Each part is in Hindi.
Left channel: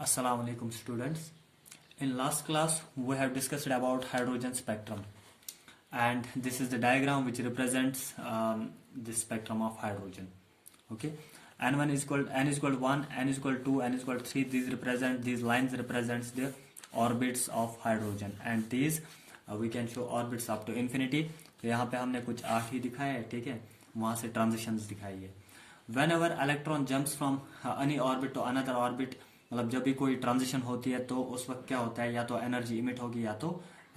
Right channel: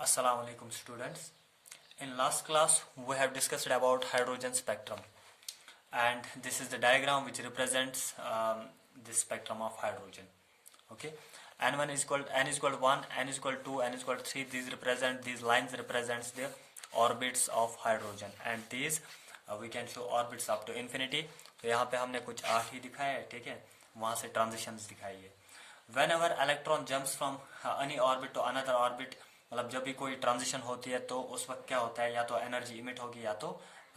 Assalamu alaikum students. In last class we have discussed about hydrogen spectrum, and this is the diagram which represents the spectrum of hydrogen. Okay, n1 is equal n is equal to 1, n is equal to 2, n is equal to 3. These lines represents the orbits of hydrogen, and these we can show orbits up to infinity. तो यहाँ पे हमने कुछ 8 ही दिखाया है, ठीक है, वहां से ट्रांजिशंस दिखाई है. Whenever electron jumps from any orbit to another orbit, मतलब जब भी कोई ट्रांजिशन होती है तो उस वक्त क्या होता है, या तो एनर्जी इमिट होगी या तो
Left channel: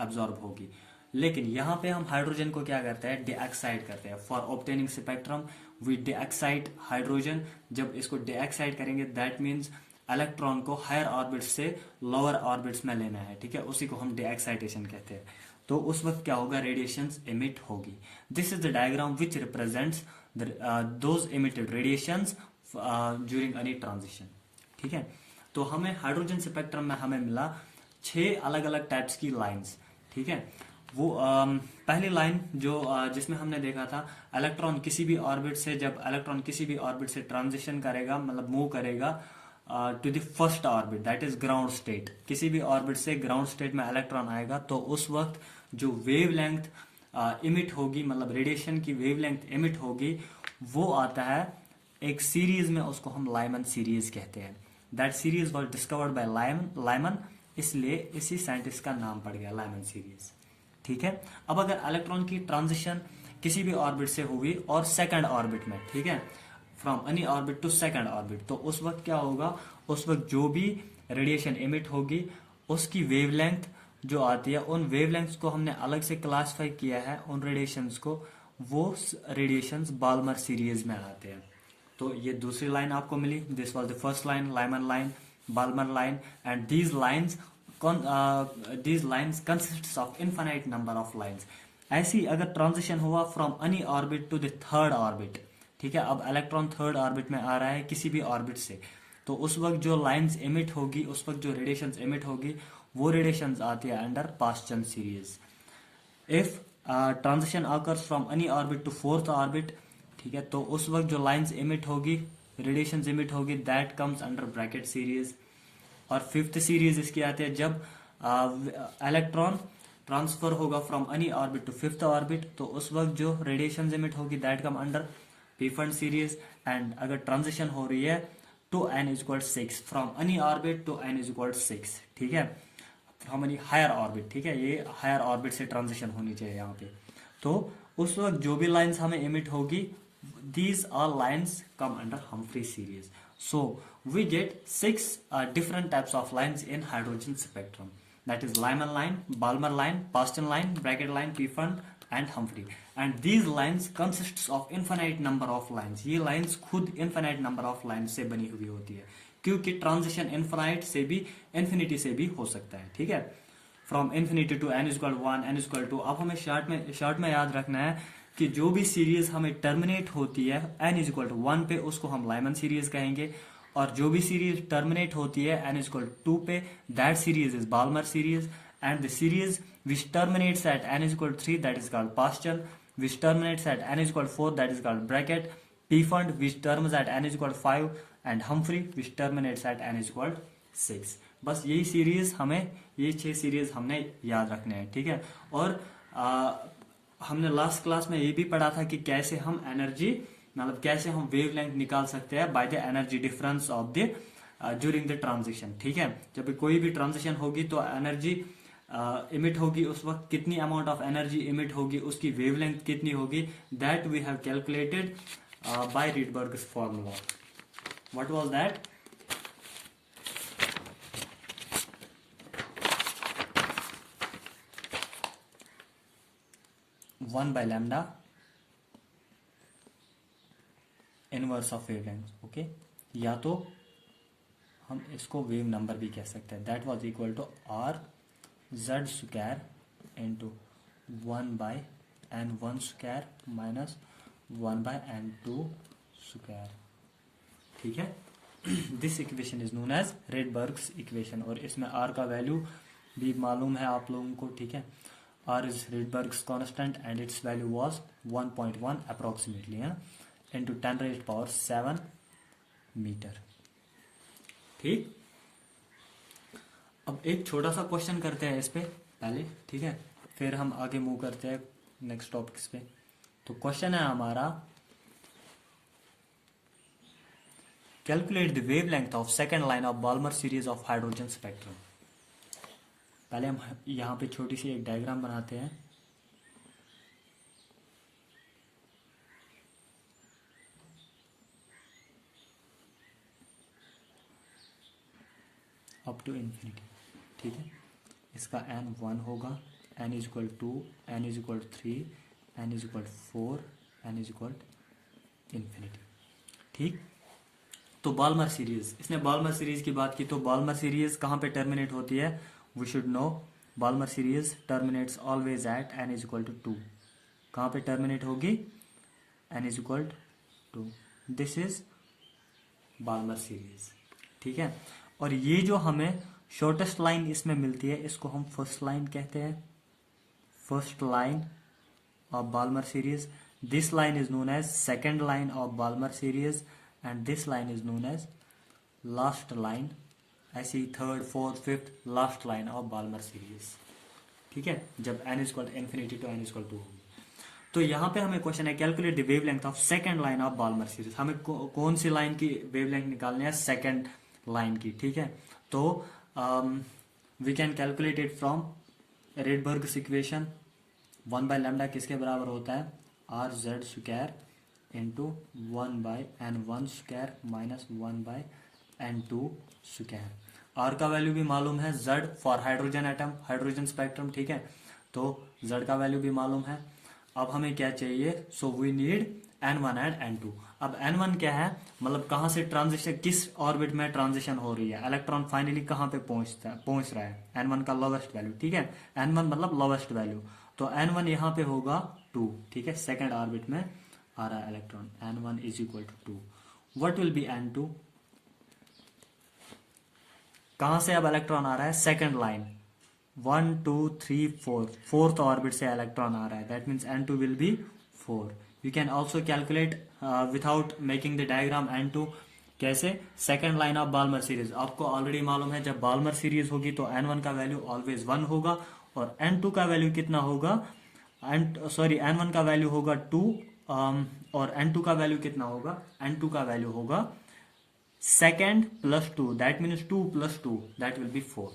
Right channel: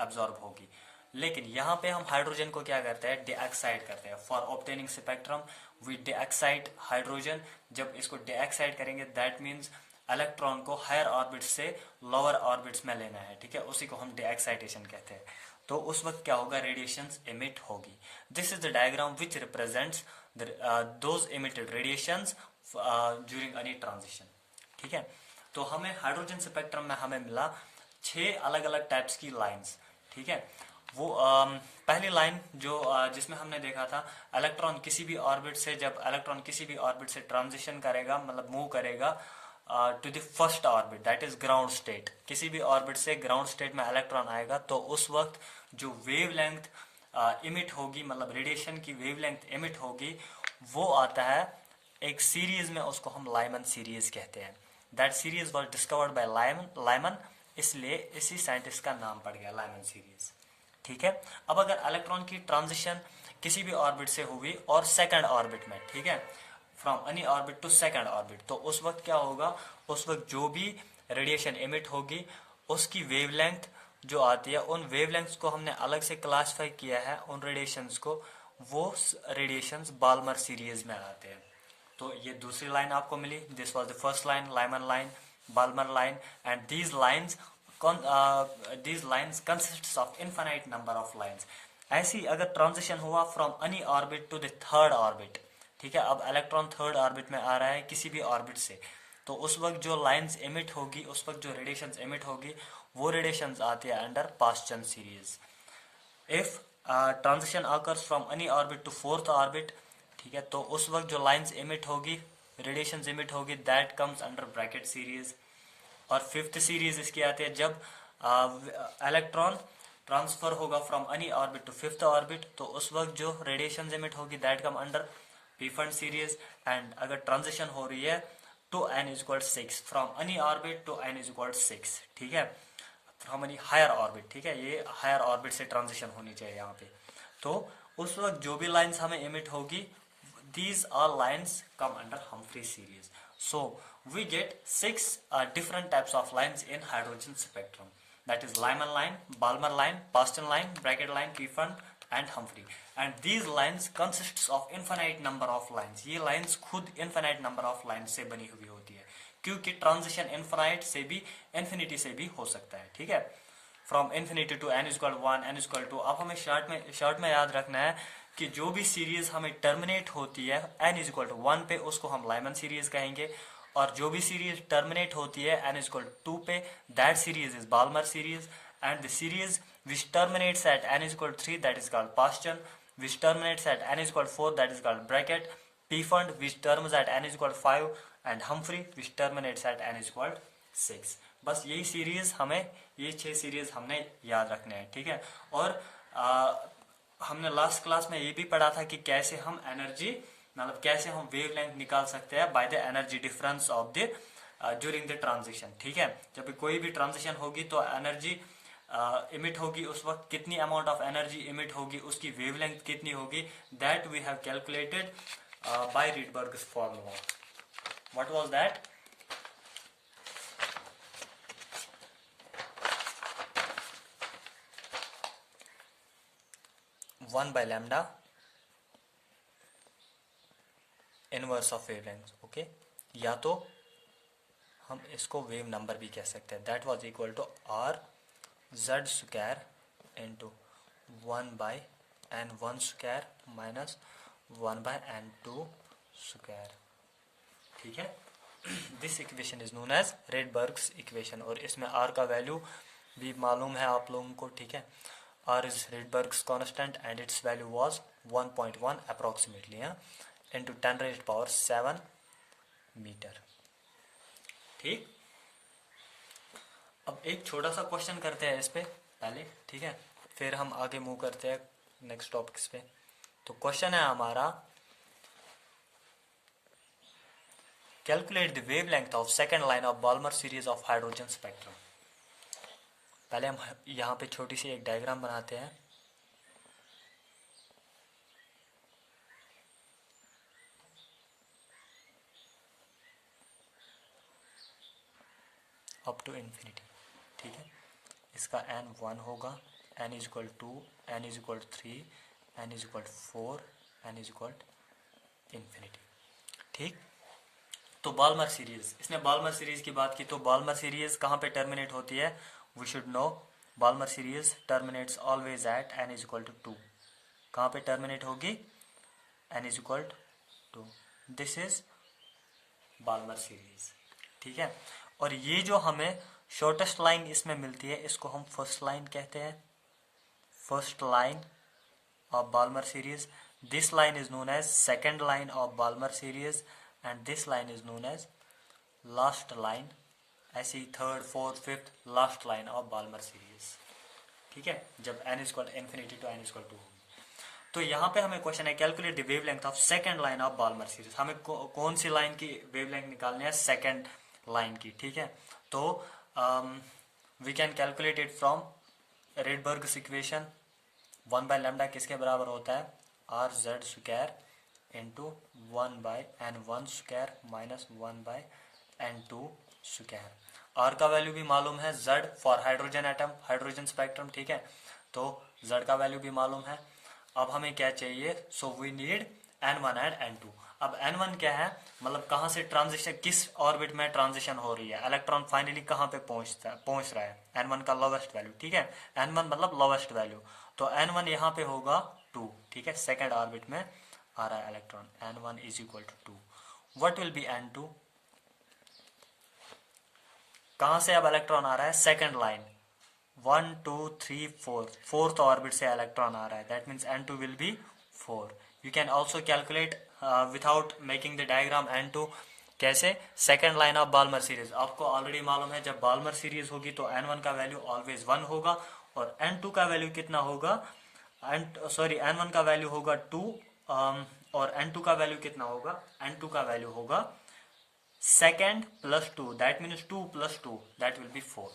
एब्जॉर्ब होगी. लेकिन यहाँ पे हम हाइड्रोजन को क्या करते हैं, डीएक्साइट करते हैं. For obtaining spectrum we de-excite hydrogen. जब इसको डीएक्साइट करेंगे दैट मीन्स इलेक्ट्रॉन को हायर ऑर्बिट्स से लोअर ऑर्बिट्स में लेना है, ठीक है, उसी को हम डीएक्साइटेशन कहते हैं. तो उस वक्त क्या होगा, रेडिएशंस इमिट होगी. This is the diagram which represents those emitted radiations during any transition. ठीक है, तो हमें हाइड्रोजन स्पेक्ट्रम में हमें मिला 6 अलग अलग टाइप्स की लाइंस. ठीक है, वो पहली लाइन जो जिसमें हमने देखा था, इलेक्ट्रॉन किसी भी ऑर्बिट से, जब इलेक्ट्रॉन किसी भी ऑर्बिट से ट्रांजिशन करेगा, मतलब मूव करेगा to the first orbit, that is ground state. किसी भी ऑर्बिट से ग्राउंड स्टेट में इलेक्ट्रॉन आएगा तो उस वक्त जो वेव लेंथ इमिट होगी, मतलब रेडिएशन की वेव लेंथ इमिट होगी, वो आता है एक सीरीज में, उसको हम लाइमन सीरीज कहते हैं. That series was discovered by Lyman, इसलिए इसी साइंटिस्ट का नाम पड़ गया लाइमन सीरीज. ठीक है, अब अगर इलेक्ट्रॉन की ट्रांजिशन किसी भी ऑर्बिट से हुई और सेकंड ऑर्बिट में, ठीक है, from any orbit to second orbit, तो उस वक्त क्या होगा, उस वक्त जो भी रेडिएशन इमिट होगी उसकी वेवलेंथ जो आती है, उन वेवलेंथ्स को हमने अलग से क्लासिफाई किया है, उन रेडिएशंस को. वो रेडिएशंस बाल्मर सीरीज में आते हैं. तो ये दूसरी लाइन आपको मिली. This was the first line, Lyman line, Balmer line, and these lines consists of infinite number of lines. ऐसी अगर ट्रांजिशन हुआ from any orbit to the third orbit, ठीक है, अब इलेक्ट्रॉन थर्ड ऑर्बिट में आ रहा है किसी भी ऑर्बिट से, तो उस वक्त जो लाइन्स इमिट होगी, उस वक्त जो रेडिएशंस इमिट होगी, वो रेडिएशंस आती है under Paschen series. If transition occurs from any orbit to fourth orbit, ठीक है, तो उस वक्त जो लाइंस इमिट होगी, रेडिएशंस इमिट होगी, that comes under Brackett series. और फिफ्थ सीरीज इसकी आती है जब इलेक्ट्रॉन ट्रांसफर होगा from any orbit to fifth orbit, तो उस वक्त जो रेडिएशंस इमिट होगी that come under Pfund series. And अगर ट्रांजिशन हो रही है to n is equal 6, from any orbit to n is equal 6, ठीक है, फ्रॉम एनी हायर ऑर्बिट, ठीक है, ये हायर ऑर्बिट से ट्रांजिशन होनी चाहिए यहाँ पे. तो उस वक्त जो भी लाइंस हमें इमिट होगी, these all lines come under Humphrey series. So we get 6 different types of lines in hydrogen spectrum. That is Lyman line, Balmer line, Paston line, Brackett line, Pfund and Humphrey. And these lines consists of infinite number of lines. ये lines खुद infinite number of lines से बनी हुई होती है, क्योंकि transition infinite से भी infinity से भी हो सकता है. ठीक है, from infinity to n equal 1, n equal 2. अब हमें शॉर्ट में याद रखना है कि जो भी सीरीज हमें टर्मिनेट होती है n इक्वल टू 1 पे, उसको हम लाइमन सीरीज कहेंगे. और जो भी सीरीज टर्मिनेट होती है n इक्वल 2 पे, that series is Balmer series. And the series which terminates at n equal 3, that is called Paschen. Which terminates at n equal 4, that is called Brackett. Pfund which terms at n equal 5, and Humphrey which terminates at n equal 6. बस यही सीरीज हमें, ये 6 सीरीज हमने याद रखने हैं. ठीक है, और हमने लास्ट क्लास में ये भी पढ़ा था कि कैसे हम एनर्जी, मतलब कैसे हम वेवलेंथ निकाल सकते हैं by the energy difference of the during the transition. ठीक है, जब कोई भी ट्रांजिशन होगी तो एनर्जी इमिट होगी, उस वक्त कितनी अमाउंट ऑफ एनर्जी इमिट होगी, उसकी वेवलेंथ कितनी होगी, that we have calculated by Rydberg formula. What was that? One by lambda inverse of wavelength. Okay, या तो हम इसको वेव नंबर भी कह सकते हैं. That was equal to R Z square into 1 by n1 square minus 1 by n2 square. ठीक है, this equation is known as Rydberg's equation. और इसमें आर का वैल्यू भी मालूम है आप लोगों को. ठीक है, R is Rydberg's constant and its value was 1.1 approximately, into 10 raised power 7 meter. ठीक, अब एक छोटा सा क्वेश्चन करते हैं इस पे पहले, ठीक है, फिर हम आगे मूव करते हैं नेक्स्ट टॉपिक्स पे। तो क्वेश्चन है हमारा, calculate the wavelength of second line of Balmer series of hydrogen spectrum. पहले हम यहाँ पे छोटी सी एक डायग्राम बनाते हैं। अप टू इन्फिनिटी, ठीक है। इसका n 1 होगा, n is equal 2, n is equal 3, n is equal 4, n is equal infinity, ठीक। तो बाल्मर सीरीज, इसने बाल्मर सीरीज की बात की, तो बाल्मर सीरीज कहाँ पे टर्मिनेट होती है? We should know, Balmer series terminates always at n is equal to 2। कहाँ पे टर्मिनेट होगी? n is equal to 2। This is Balmer series, ठीक है। और ये जो हमें शॉर्टेस्ट लाइन इसमें मिलती है, इसको हम फर्स्ट लाइन कहते हैं, first line of Balmer series. This line is known as second line of Balmer series and this line is known as last line, ऐसे ही third, fourth, fifth, last line of Balmer series, ठीक है, जब n is equal infinity to n is equal 2 होगी। तो यहाँ पे हमें क्वेश्चन है, calculate the wavelength of second line of Balmer series. हमें कौन सी लाइन की वेवलेंथ निकालनी है? सेकंड लाइन की, ठीक है। तो we can calculate it from Rydberg's equation. 1 by lambda किसके बराबर होता है? R Z square into 1 by n1 square minus 1 by n2 square. R का वैल्यू भी मालूम है, Z for hydrogen atom, hydrogen spectrum, ठीक है। तो जेड का वैल्यू भी मालूम है। अब हमें क्या चाहिए? So we need n1 and n2। अब n1 क्या है? मतलब कहाँ से ट्रांजिशन, किस ऑर्बिट में ट्रांजिशन हो रही है, इलेक्ट्रॉन फाइनली कहाँ पे पहुंच रहा है, n1 का लोवेस्ट वैल्यू, ठीक है। n1 मतलब लोवेस्ट वैल्यू, तो n1 यहाँ पे होगा 2, ठीक है, सेकेंड ऑर्बिट में आ रहा है electron. n1 is equal to 2। What will be n2? कहां से अब इलेक्ट्रॉन आ रहा है? सेकेंड लाइन, 1 2 3 4, फोर्थ ऑर्बिट से इलेक्ट्रॉन आ रहा है, that means n2 will be 4। You can also calculate without making the diagram n2। कैसे? Second line of Balmer series, आपको ऑलरेडी मालूम है जब बाल्मर सीरीज होगी तो n1 का वैल्यू ऑलवेज 1 होगा और n2 का वैल्यू कितना होगा? n1 का वैल्यू होगा 2 और n2 का वैल्यू कितना होगा? n2 का वैल्यू होगा second plus 2, that means 2 plus 2, that will be 4,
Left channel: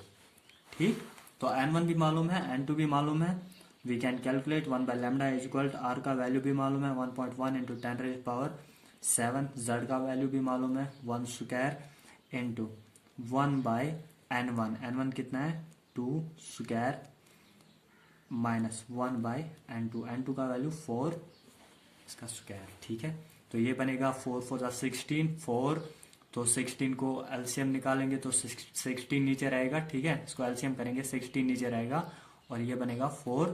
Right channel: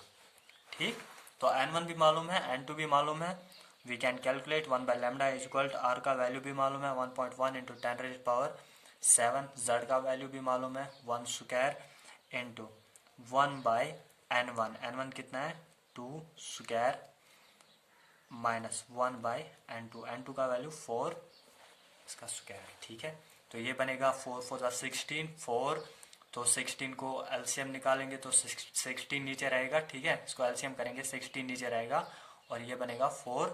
ठीक। तो n1 भी मालूम है, n2 भी मालूम है। We can calculate 1 by lambda is equal to, R का वैल्यू भी मालूम है 1.1 इंटू 10 रेज़ पावर 7, जेड का वैल्यू भी मालूम है 1 स्क्वायर इंटू 1 बाय n1 कितना है? 2 स्क्वायर माइनस 1 बाय n2 का वैल्यू 4, इसका स्क्वायर, ठीक है। तो ये बनेगा 4 4 16, 4, तो 16 को एलसीएम निकालेंगे तो 16 नीचे रहेगा, ठीक है। इसको एलसीएम करेंगे, 16 नीचे रहेगा और ये बनेगा 4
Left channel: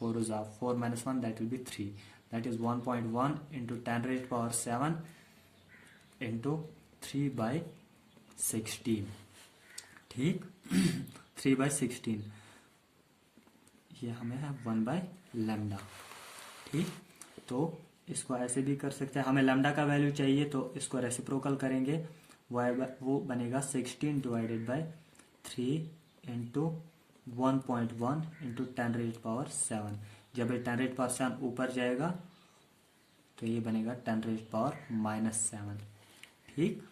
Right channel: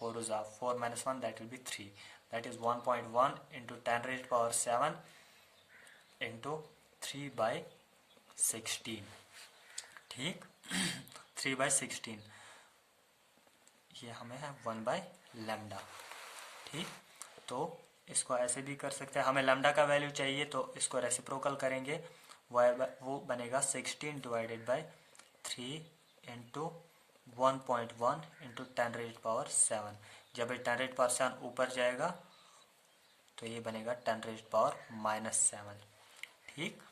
4 4 minus 1, that will B 3, that is 1.1 into 10 raise power 7 into 3 by 16, ठीक। 3 बाई 16, ये हमें है 1 बाय लैम्डा, ठीक। तो इसको ऐसे भी कर सकते हैं, हमें लैम्डा का वैल्यू चाहिए तो इसको रेसिप्रोकल करेंगे, वो बनेगा 16 divided by 3 into 1.1 into 10 raise power 7। जब ये 10 रेज़ पावर 7 ऊपर जाएगा तो ये बनेगा 10 रेज़ पावर -7, ठीक।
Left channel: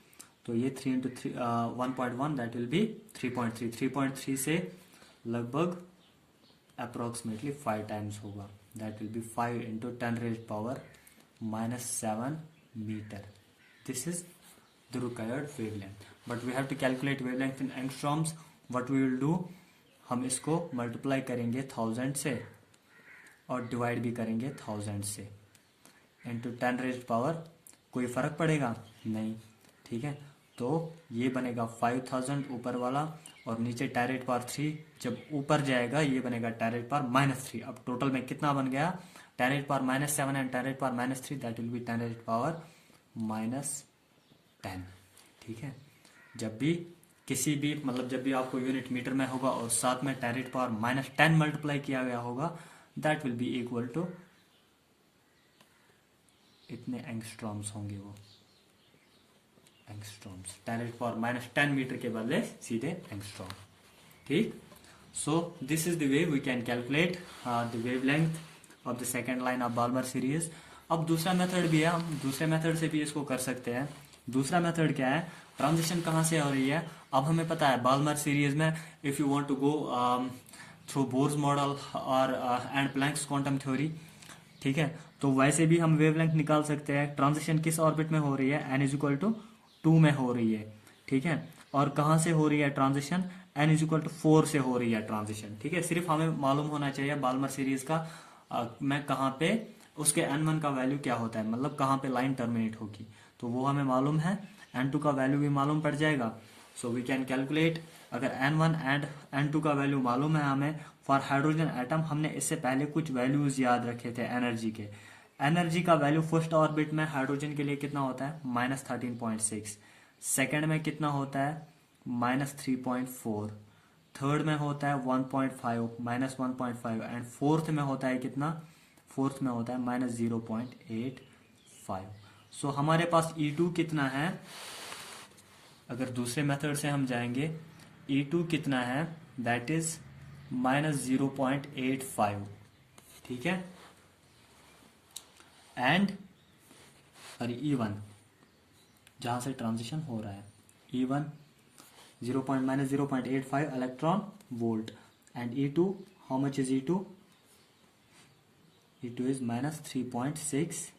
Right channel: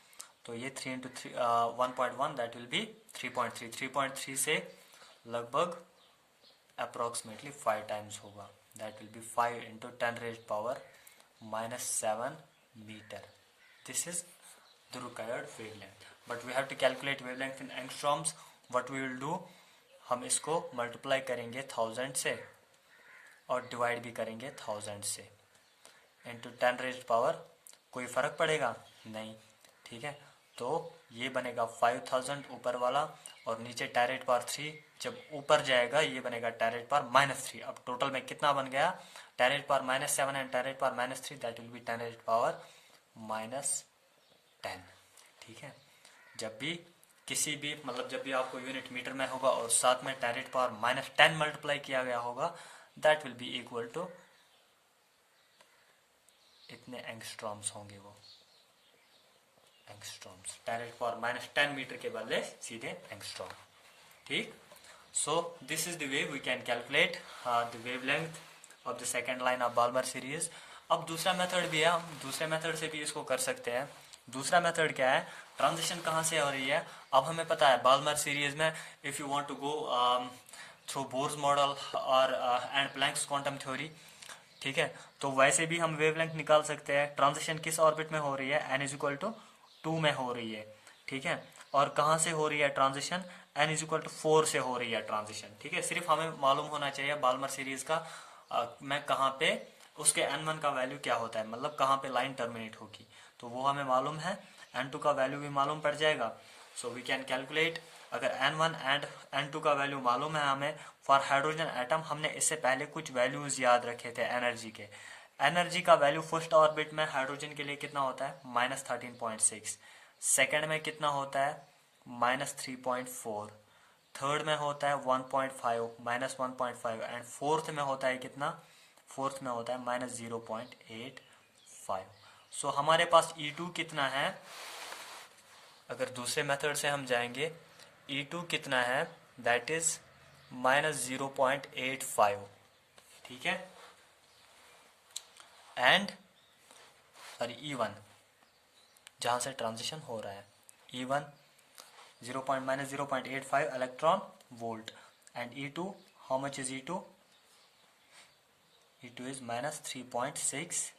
तो ये 3 इंटू 1.1 दैट विल बी 3.3, 3.3 से लगभग अप्रोक्सीमेटली 5 टाइम्स होगा, that will be 5 into 10 raise power -7 metre. This is the required wavelength, but we have to calculate wavelength in angstroms. What we will do, हम इसको मल्टीप्लाई करेंगे 1000 से और डिवाइड भी करेंगे 1000 से इंटू 10 रेज़ पावर, कोई फर्क पड़ेगा नहीं, ठीक है। तो ये बनेगा 5000 ऊपर वाला और नीचे 10 रेज़ पावर 3, जब ऊपर जाएगा ये बनेगा 10 रेज़ पावर -3। अब टोटल में कितना बन गया? 10 raise power -7 and 10 raise power -3, that will B 10 raise power -10, ठीक है। जब भी किसी भी मतलब जब भी आपको यूनिट मीटर में होगा और साथ में 10 रेज़ पावर -10 मल्टीप्लाई किया गया होगा, that will be equal to इतने एंगस्ट्रॉम्स होंगे, वो एंगस्ट्रॉम्स, 10 रेज़ पावर -10 मीटर के बदले सीधे एंगस्ट्रॉम, ठीक। So this is the way we can calculate the wavelength of the second line of Balmer series. अब दूसरा मेथड भी है, हम दूसरे मेथड से भी इसको कर सकते हैं। दूसरा मेथड क्या है, ट्रांजिशन कहाँ से हो रही है। अब हमें पता है बाल्मर सीरीज में if you want to go through Bohr's model और एंड प्लैंक्स क्वांटम थ्योरी, ठीक है, तो वैसे भी हम वेवलेंथ निकाल सकते हैं। ट्रांजिशन किस ऑर्बिट में हो रही है, n इज इक्वल टू 2 में हो रही है, ठीक है। और कहाँ से हो रही है transition, n is equal to 4 से हो रही है ट्रांजिशन, ठीक है। सिर्फ हमें मालूम होना चाहिए बाल्मर सीरीज का में कहाँ पे उसके n1 का वैल्यू क्या होता है, मतलब कहाँ पे लाइन टर्मिनेट होगी, तो वो हमें मालूम है। n2 का वैल्यू भी मालूम पड़ जाएगा। सो वी कैन कैलकुलेट, अगर n1 एंड n2 का वैल्यू मालूम है हमें फॉर हाइड्रोजन एटम, हमने इससे पहले कुछ वैल्यूज याद रखे थे एनर्जी के। एनर्जी का वैल्यू फर्स्ट ऑर्बिट में हाइड्रोजन के लिए कितना होता है, -13.6। सेकेंड में कितना होता है, -3.4। थर्ड में होता है 1.5, -1.5। एंड फोर्थ में होता है कितना, फोर्थ में होता है -0.85। सो हमारे पास E2 कितना है, अगर दूसरे मेथड से हम जाएंगे, E2 कितना है, दैट इज -0.85, ठीक है। एंड और E1 जहां से ट्रांजिशन हो रहा है, E1 -0.85 electron volt. And E2, how much is E2? E2 is -3.6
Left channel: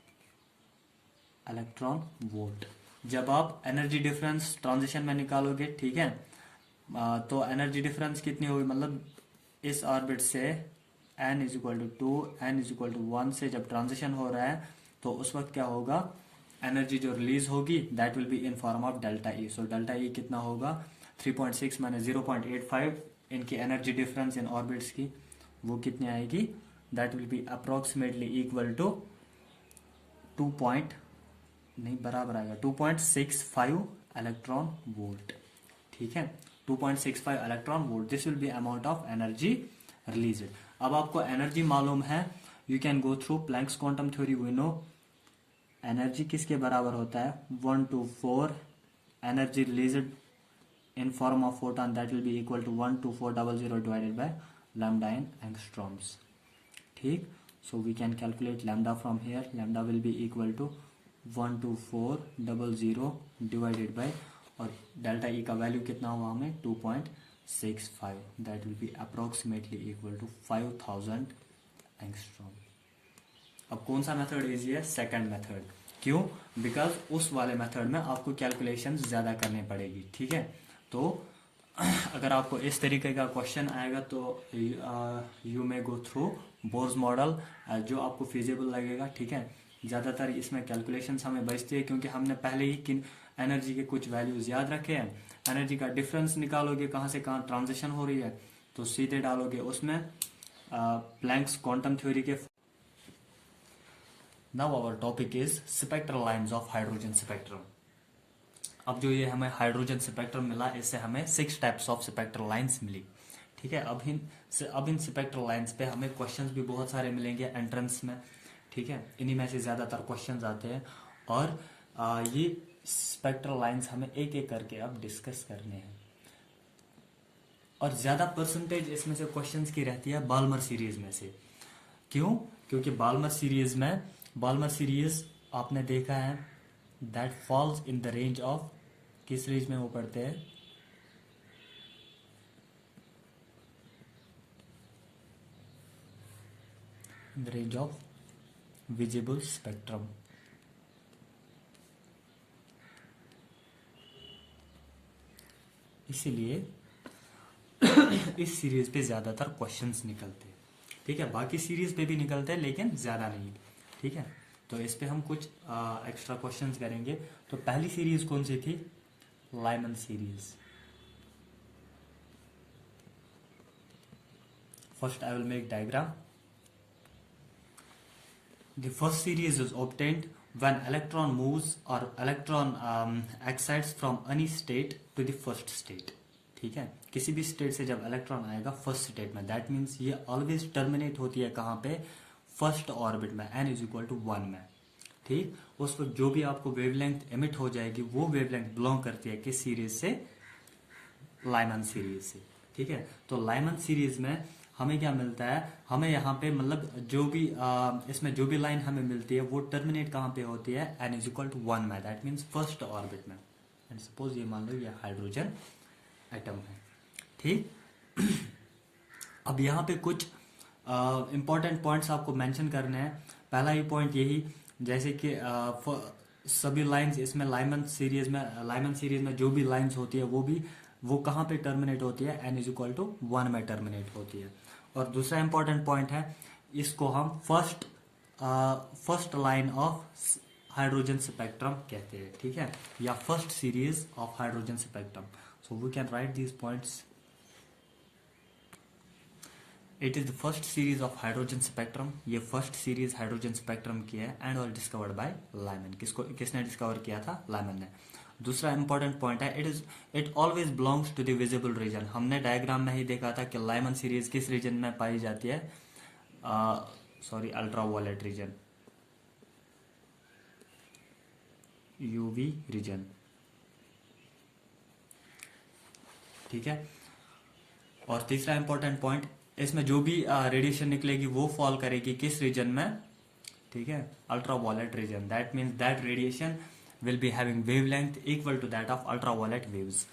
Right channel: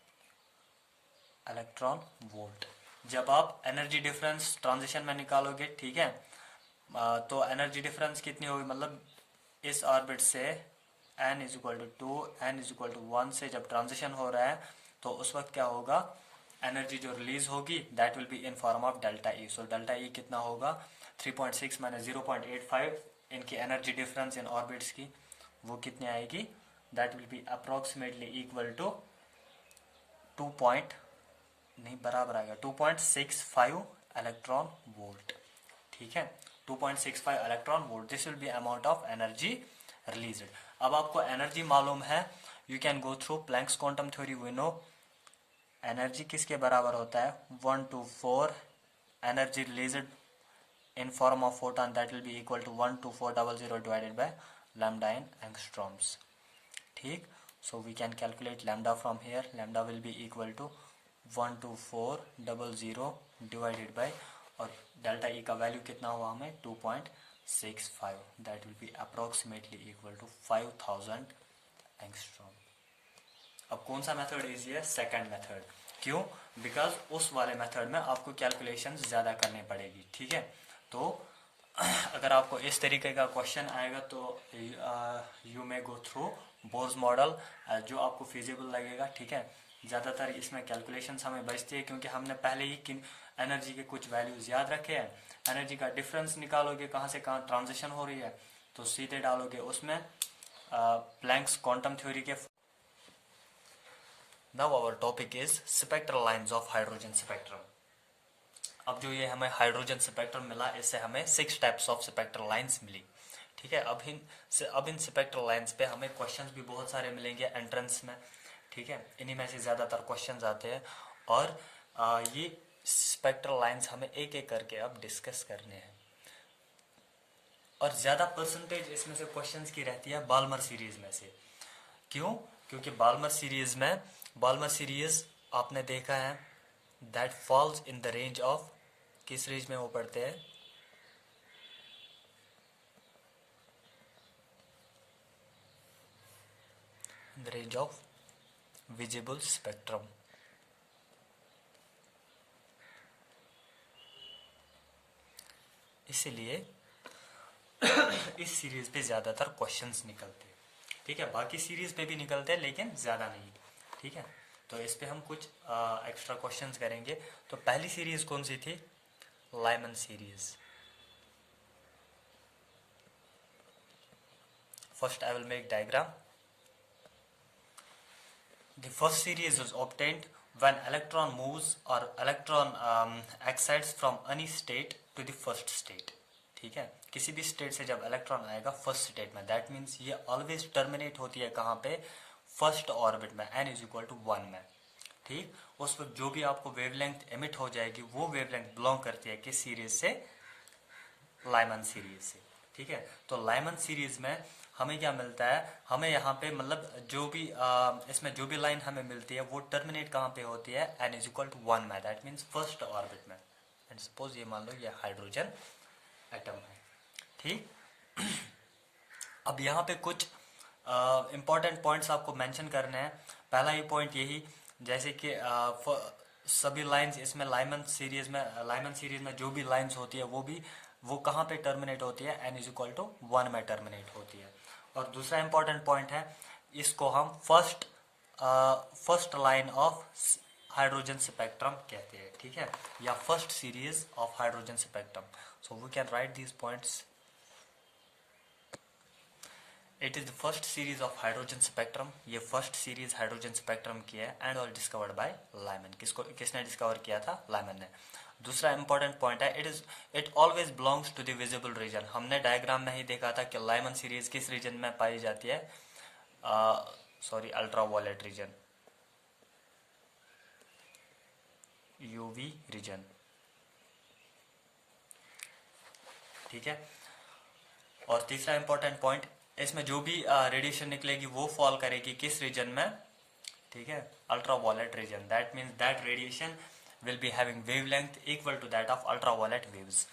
electron volt. जब आप एनर्जी डिफरेंस ट्रांजिशन में निकालोगे, ठीक है, तो एनर्जी डिफरेंस कितनी होगी, मतलब इस ऑर्बिट से n is equal to 2, n is equal to 1 से जब ट्रांजिशन हो रहा है, तो उस वक्त क्या होगा, एनर्जी जो रिलीज होगी that will be in form of delta E. So delta E कितना होगा, 3.6 माइनस 0.85, इनकी एनर्जी डिफरेंस इन ऑर्बिट्स की वो कितनी आएगी, that will be approximately equal to 2 point नहीं बराबर आएगा 2.65 इलेक्ट्रॉन वोल्ट, ठीक है, 2.65 electron volt. This will be amount of energy released. अब आपको एनर्जी मालूम है, you can go through Planck's quantum theory. We know energy किसके बराबर होता है, 1 to 4 energy released in form of photon, that will be equal to 12400 divided by lambda in angstroms, ठीक। so we can calculate lambda from here, lambda will be equal to 12400 divided by, और डेल्टा ई का वैल्यू कितना हुआ हमें 2.65, that will be approximately equal to 5000 angstrom. अब कौन सा मेथड इजी है, सेकंड मेथड। क्यों, बिकॉज उस वाले मेथड में आपको कैलकुलेशन ज्यादा करनी पड़ेगी, ठीक है। तो अगर आपको इस तरीके का क्वेश्चन आएगा तो you may go through Bohr's model, जो आपको फिजिबल लगेगा, ठीक है। ज़्यादातर इसमें कैलकुलेशंस हमें बचती है क्योंकि हमने पहले ही किन एनर्जी के कुछ वैल्यूज याद रखे हैं। एनर्जी का डिफरेंस निकालोगे, कहाँ से कहाँ ट्रांजिशन हो रही है, तो सीधे डालोगे उसमें प्लैंक्स क्वांटम थ्योरी के। Now our topic is spectral lines of hydrogen spectrum. अब जो ये हमें हाइड्रोजन स्पेक्ट्रम मिला, इससे हमें 6 टाइप्स ऑफ स्पेक्ट्रल लाइंस मिली, ठीक है। अब इन स्पेक्ट्रल लाइंस पे हमें क्वेश्चंस भी बहुत सारे मिलेंगे एंट्रेंस में, ठीक है। इन्हीं में से ज्यादातर क्वेश्चंस आते हैं और ये स्पेक्ट्रल लाइंस हमें एक एक करके अब डिस्कस करने हैं। और ज्यादा परसेंटेज इसमें से क्वेश्चंस की रहती है बाल्मर सीरीज में से। क्यों, क्योंकि बाल्मर सीरीज आपने देखा है that falls in the range of, किस रेंज में वो पढ़ते हैं, in the range of visible spectrum. इसीलिए इस सीरीज पे ज्यादातर क्वेश्चंस निकलते हैं, ठीक है। बाकी सीरीज पे भी निकलते हैं लेकिन ज्यादा नहीं, ठीक है। तो इस पे हम कुछ एक्स्ट्रा क्वेश्चंस करेंगे। तो पहली सीरीज कौन सी थी, Lyman series. First I will make diagram. The first series is obtained when electron moves or electron excites from any state to the first state, ठीक है। किसी भी स्टेट से जब इलेक्ट्रॉन आएगा फर्स्ट स्टेट में, दैट मीन्स ये ऑलवेज टर्मिनेट होती है कहाँ पे, फर्स्ट ऑर्बिट में, n इज इक्वल टू 1 में, ठीक। उस वक्त जो भी आपको वेवलेंथ एमिट हो जाएगी वो वेवलेंथ बिलोंग करती है किस सीरीज से, लाइमन सीरीज से, ठीक है। तो लाइमन सीरीज में हमें क्या मिलता है, हमें यहाँ पे मतलब जो भी इसमें जो भी लाइन हमें मिलती है वो टर्मिनेट कहाँ पे होती है, n इज इक्वल टू 1 में, दैट मीन्स फर्स्ट ऑर्बिट में। एंड सपोज ये मान लो ये हाइड्रोजन एटम है, ठीक। अब यहाँ पे कुछ इंपॉर्टेंट पॉइंट्स आपको मेंशन करने हैं। पहला ही पॉइंट यही, जैसे कि सभी लाइंस इसमें लाइमन सीरीज में जो भी लाइंस होती है वो कहाँ पे टर्मिनेट होती है, n इज इक्वल टू 1 में टर्मिनेट होती है। और दूसरा इंपॉर्टेंट पॉइंट है, इसको हम first line of hydrogen spectrum कहते हैं, ठीक है, या first series of hydrogen spectrum. So we can write these points. It is the first series of hydrogen spectrum. ये फर्स्ट सीरीज हाइड्रोजन स्पेक्ट्रम की है and all discovered by Lyman. किसने डिस्कवर किया था, लाइमन ने। दूसरा इंपॉर्टेंट पॉइंट है, it always belongs to the visible region. हमने डायग्राम में ही देखा था कि लाइमन सीरीज किस रीजन में पाई जाती है, अल्ट्रावायलेट रीजन, यूवी रीजन, ठीक है। और तीसरा इंपॉर्टेंट पॉइंट, इसमें जो भी रेडिएशन निकलेगी वो फॉल करेगी किस रीजन में, ठीक है, ultraviolet region. That means that radiation will be having wavelength equal to that of ultraviolet waves.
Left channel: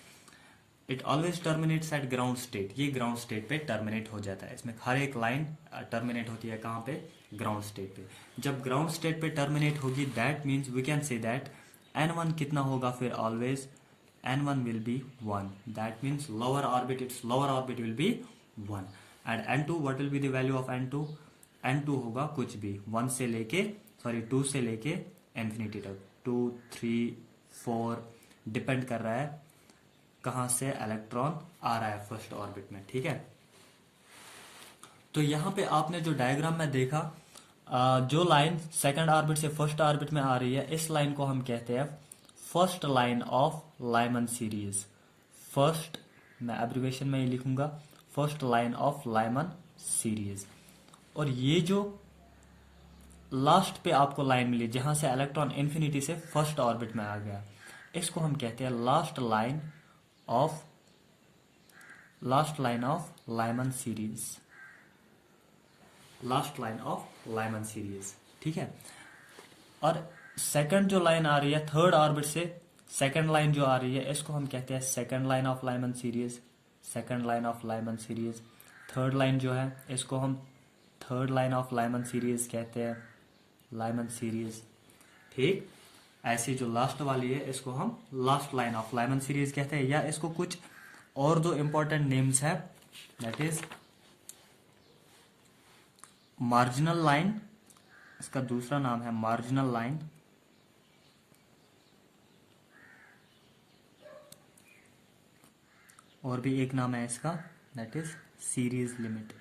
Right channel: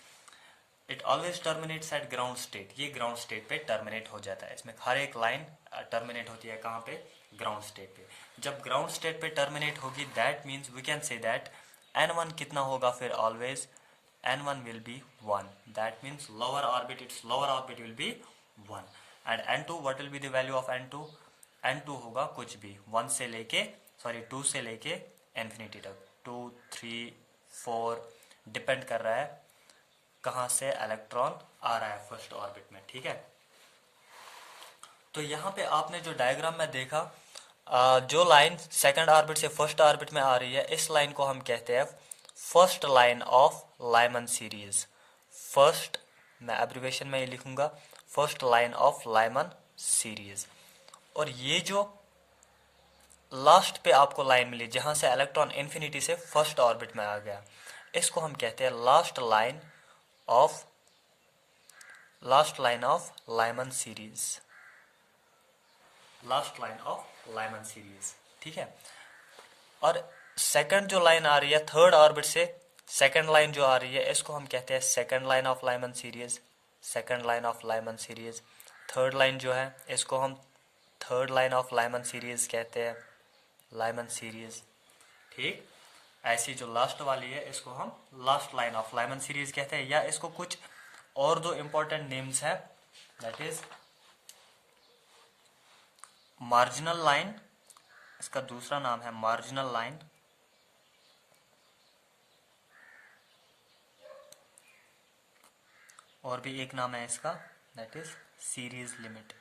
It always terminates at ground state. ये ग्राउंड स्टेट पे टर्मिनेट हो जाता है। इसमें हर एक लाइन टर्मिनेट होती है कहाँ पे, ग्राउंड स्टेट पे। जब ग्राउंड स्टेट पे टर्मिनेट होगी, that means we can say that n1 कितना होगा फिर, always n1 will be 1. That means lower orbit will be 1. And n2, what will be the value of n2? n2 होगा कुछ भी 2 से लेके इंफिनिटी तक, 2, 3, 4 डिपेंड कर रहा है कहाँ से इलेक्ट्रॉन आ रहा है फर्स्ट ऑर्बिट में, ठीक है। तो यहाँ पे आपने जो डायग्राम में देखा, जो लाइन सेकंड ऑर्बिट से फर्स्ट ऑर्बिट में आ रही है, इस लाइन को हम कहते हैं first line of Lyman series. First, मैं एब्रिवेशन में ये लिखूंगा, first line of Lyman series. और ये जो लास्ट पे आपको लाइन मिली जहां से इलेक्ट्रॉन इन्फिनिटी से फर्स्ट ऑर्बिट में आ गया, इसको हम कहते हैं last line of Lyman series, last line of Lyman series, ठीक है। और सेकंड जो लाइन आ रही है थर्ड ऑर्बिट से, सेकंड लाइन जो आ रही है, इसको हम कहते हैं second line of Lyman series, second line of Lyman series. Third line जो है इसको हम third line of Lyman series कहते हैं, लाइमन सीरीज, ठीक। ऐसी जो लास्ट वाली है इसको हम last line of Lyman series कहते हैं। या इसको कुछ और दो इंपॉर्टेंट नेम्स है, दैट इज मार्जिनल लाइन, इसका दूसरा नाम है मार्जिनल लाइन, और भी एक नाम है इसका, दैट इज सीरीज लिमिट।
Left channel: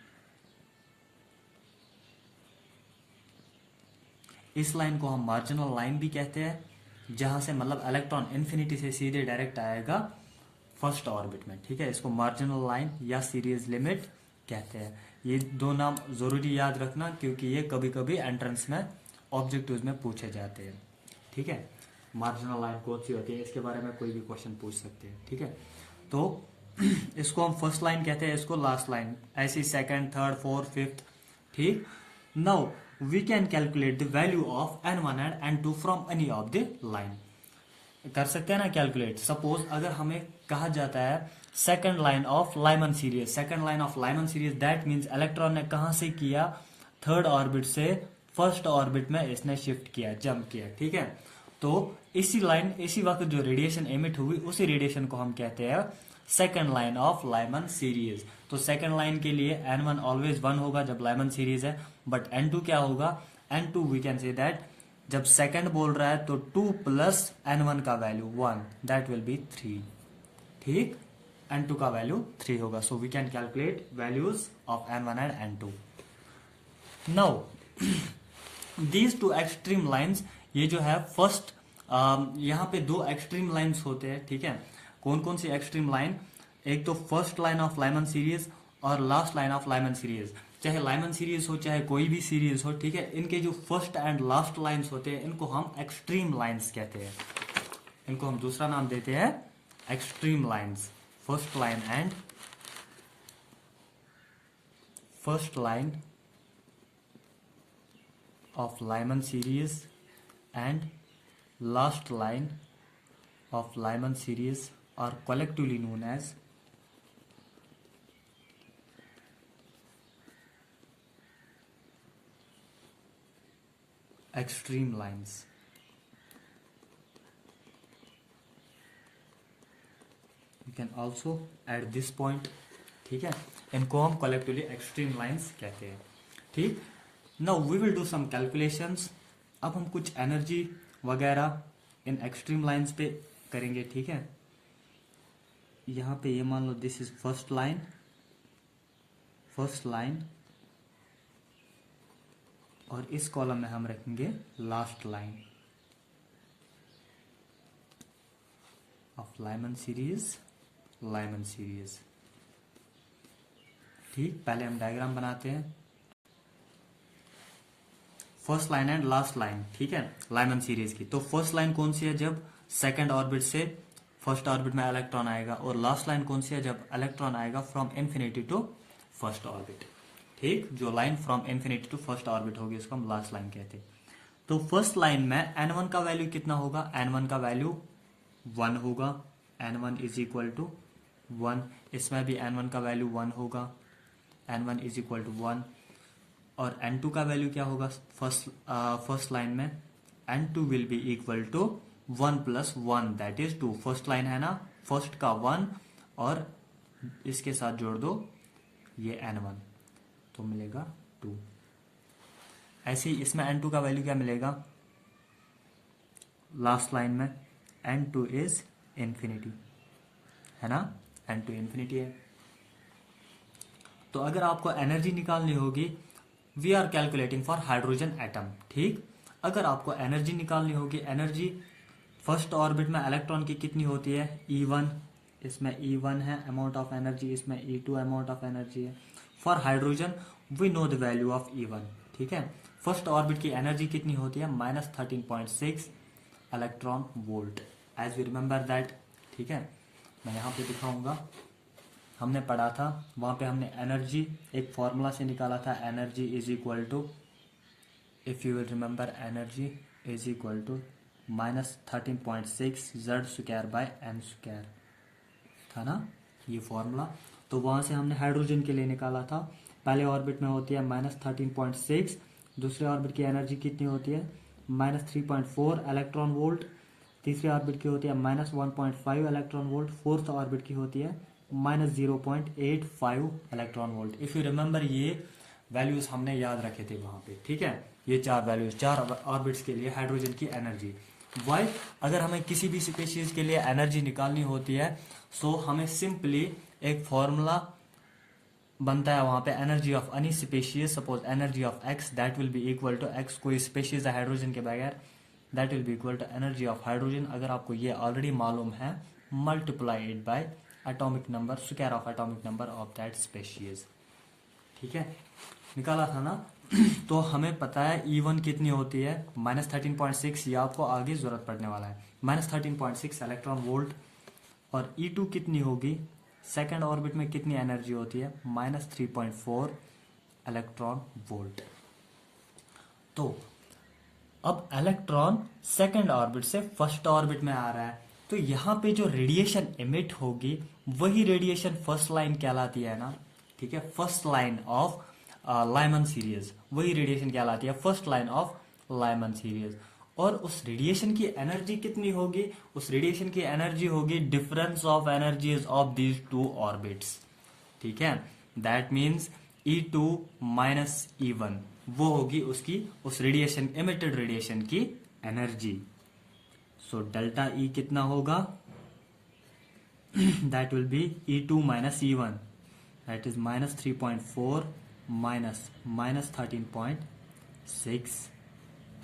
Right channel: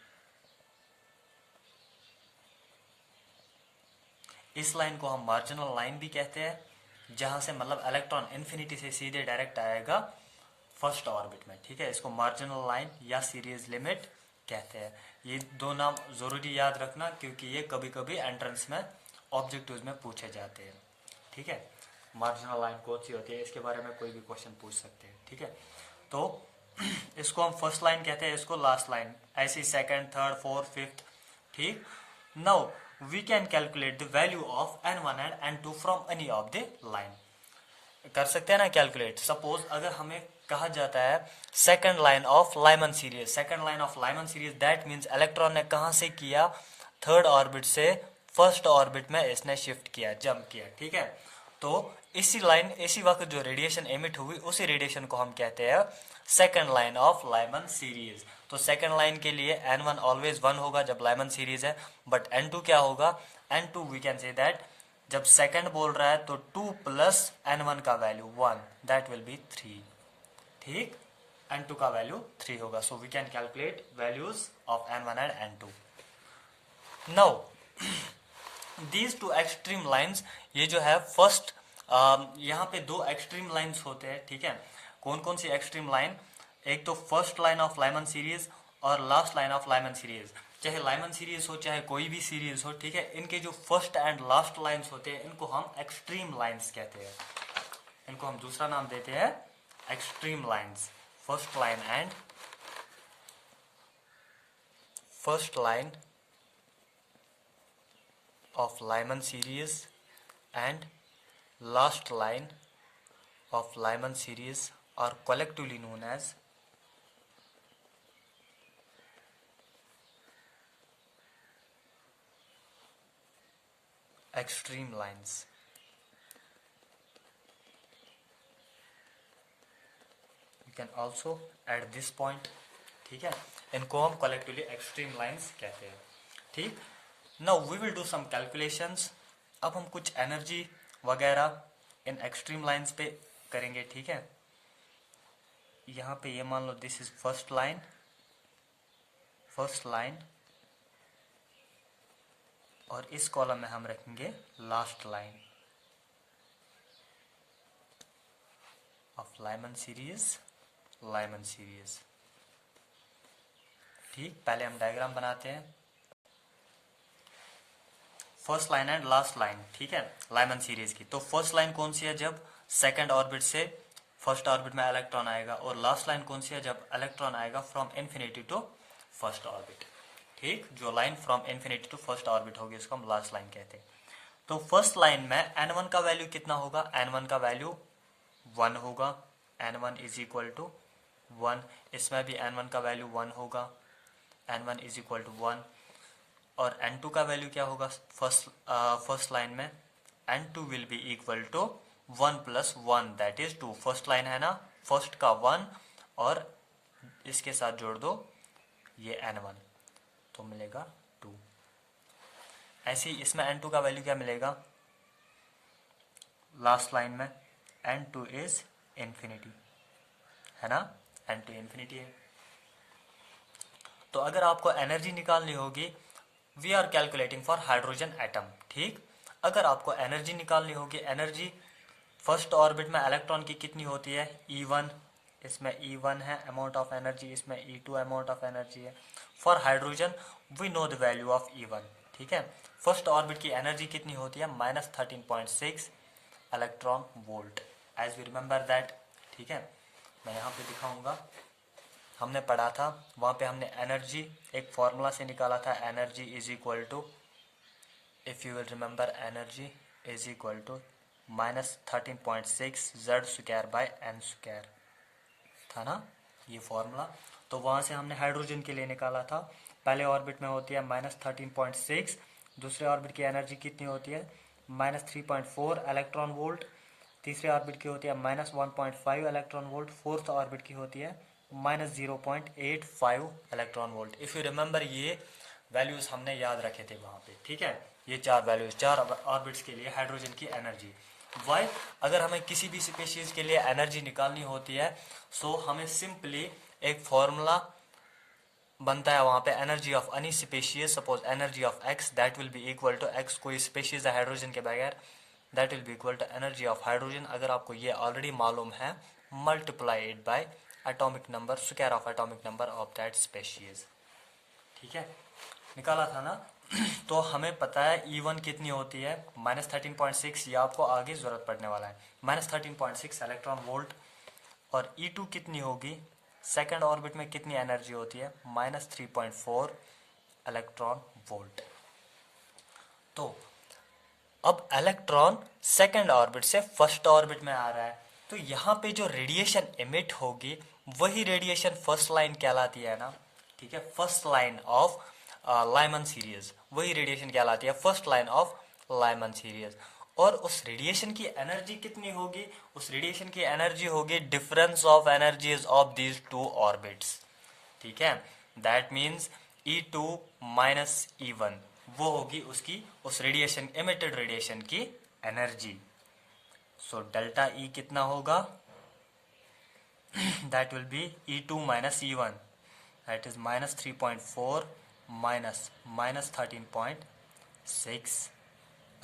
इस लाइन को हम मार्जिनल लाइन भी कहते हैं, जहां से मतलब इलेक्ट्रॉन इन्फिनिटी से सीधे डायरेक्ट आएगा फर्स्ट ऑर्बिट में, ठीक है। इसको मार्जिनल लाइन या सीरीज लिमिट कहते हैं। ये दो नाम जरूरी याद रखना, क्योंकि ये कभी कभी एंट्रेंस में ऑब्जेक्टिव्स में पूछे जाते हैं, ठीक है। मार्जिनल लाइन कौन सी होती है, इसके बारे में कोई भी क्वेश्चन पूछ सकते हैं, ठीक है। तो इसको हम फर्स्ट लाइन कहते हैं, इसको लास्ट लाइन, ऐसी सेकंड, थर्ड, फोर्थ, फिफ्थ, ठीक। Now we can calculate the value of n1 and n2 from any of the line. कर सकते हैं ना कैलकुलेट। सपोज अगर हमें कहा जाता है second line of Lyman series, second line of Lyman series, that means electron ने कहां से किया, थर्ड ऑर्बिट से फर्स्ट ऑर्बिट में इसने शिफ्ट किया, जंप किया, ठीक है। तो इसी वक्त जो रेडिएशन एमिट हुई, उसी रेडिएशन को हम कहते हैं second line of Lyman series. तो सेकंड लाइन के लिए n1 ऑलवेज 1 होगा जब लाइमन सीरीज है, बट n2 क्या होगा, n2 we can say that जब सेकंड बोल रहा है तो 2 प्लस n1 का वैल्यू 1, दैट विल बी 3, ठीक। n2 का वैल्यू 3 होगा। So we can calculate values of n1 and n2। Now these two extreme lines, ये जो है फर्स्ट, यहाँ पे दो एक्सट्रीम लाइन्स होते हैं, ठीक है। कौन कौन सी एक्सट्रीम लाइन, एक तो first line of Lyman series और last line of Lyman series. चाहे लाइमन सीरीज हो चाहे कोई भी सीरीज हो, ठीक है, इनके जो फर्स्ट एंड लास्ट लाइन्स होते हैं इनको हम एक्सट्रीम लाइन्स कहते हैं। इनको हम दूसरा नाम देते हैं extreme lines, first line and first line of Lyman series and last line of Lyman series are collectively known as extreme lines. You can also add this point. ठीक है, इनको हम collectively extreme lines कहते हैं. ठीक, now we will do some calculations. अब हम कुछ एनर्जी वगैरह इन एक्सट्रीम लाइंस पे करेंगे. ठीक है, यहाँ पे ये मान लो दिस इज फर्स्ट लाइन और इस कॉलम में हम रखेंगे last line of Lyman series. ठीक, पहले हम डायग्राम बनाते हैं. First line and last line. ठीक है, लाइमन सीरीज की. तो फर्स्ट लाइन कौन सी है? जब सेकंड ऑर्बिट से फर्स्ट ऑर्बिट में इलेक्ट्रॉन आएगा. और लास्ट लाइन कौन सी है? जब इलेक्ट्रॉन आएगा from infinity to first orbit. ठीक, जो line from infinity to first orbit होगी उसको हम लास्ट लाइन कहते हैं. तो फर्स्ट लाइन में n1 का वैल्यू कितना होगा? n1 का वैल्यू 1 होगा. n1 is equal to 1. इसमें भी n1 का वैल्यू 1 होगा. n1 is equal to 1. और n2 का वैल्यू क्या होगा? फर्स्ट लाइन में n2 will be equal to 1 plus 1 that is 2. First line है ना, फर्स्ट का 1 और इसके साथ जोड़ दो ये n1 तो मिलेगा 2. ऐसे ही इसमें n2 का वैल्यू क्या मिलेगा? लास्ट लाइन में n2 इज इंफिनिटी है ना, n2 इंफिनिटी है. तो अगर आपको एनर्जी निकालनी होगी, we are calculating for hydrogen atom. ठीक, अगर आपको एनर्जी निकालनी होगी, एनर्जी फर्स्ट ऑर्बिट में इलेक्ट्रॉन की कितनी होती है? E1. इसमें E1 है अमाउंट ऑफ एनर्जी, इसमें E2 अमाउंट ऑफ एनर्जी है. For hydrogen we know the value of E1. ठीक है, फर्स्ट ऑर्बिट की एनर्जी कितनी होती है? -13.6 electron volt. As we remember that. ठीक है, मैं यहाँ पे दिखाऊंगा. हमने पढ़ा था, वहां पे हमने एनर्जी एक फॉर्मूला से निकाला था. Energy is equal to, if you will remember, energy is equal to -13.6 Z² by n² था ना ये फॉर्मूला. तो वहां से हमने हाइड्रोजन के लिए निकाला था. पहले ऑर्बिट में होती है -13.6. दूसरे ऑर्बिट की एनर्जी कितनी होती है? -3.4 इलेक्ट्रॉन वोल्ट. तीसरे ऑर्बिट की होती है -1.5 इलेक्ट्रॉन वोल्ट. फोर्थ ऑर्बिट की होती है -0.85 electron volt. If you remember, ये वैल्यूज हमने याद रखे थे वहां पे. ठीक है, ये 4 वैल्यूज 4 ऑर्बिट्स के लिए हाइड्रोजन की एनर्जी. वाई, अगर हमें किसी भी स्पीशीज के लिए एनर्जी निकालनी होती है, सो हमें सिंपली एक फॉर्मूला बनता है वहां पे. Energy of any species, suppose energy of X, that will be equal to X. कोई स्पीशीज है हाइड्रोजन के बगैर, that will be equal to energy of hydrogen. अगर आपको ये ऑलरेडी मालूम है, multiply it by atomic number, square of atomic number of that species. ठीक है, निकाला था ना. तो हमें पता है E1 कितनी होती है? -13.6. ये आपको आगे जरूरत पड़ने वाला है. -13.6 इलेक्ट्रॉन वोल्ट. और E2 कितनी होगी? सेकंड ऑर्बिट में कितनी एनर्जी होती है? -3.4 इलेक्ट्रॉन वोल्ट. तो अब इलेक्ट्रॉन सेकंड ऑर्बिट से फर्स्ट ऑर्बिट में आ रहा है, तो यहाँ पे जो रेडिएशन इमिट होगी वही रेडिएशन फर्स्ट लाइन कहलाती है ना. ठीक है, first line of Lyman series, वही रेडिएशन कहलाती है first line of Lyman series. और उस रेडिएशन की एनर्जी कितनी होगी? उस रेडिएशन की एनर्जी होगी difference of energies of these 2 orbits. ठीक है, that means E2 minus E1, वो होगी उसकी उस रेडिएशन, इमिटेड रेडिएशन की एनर्जी. सो डेल्टा E कितना होगा? That will B E2 minus E1, that is -3.4 minus 13.6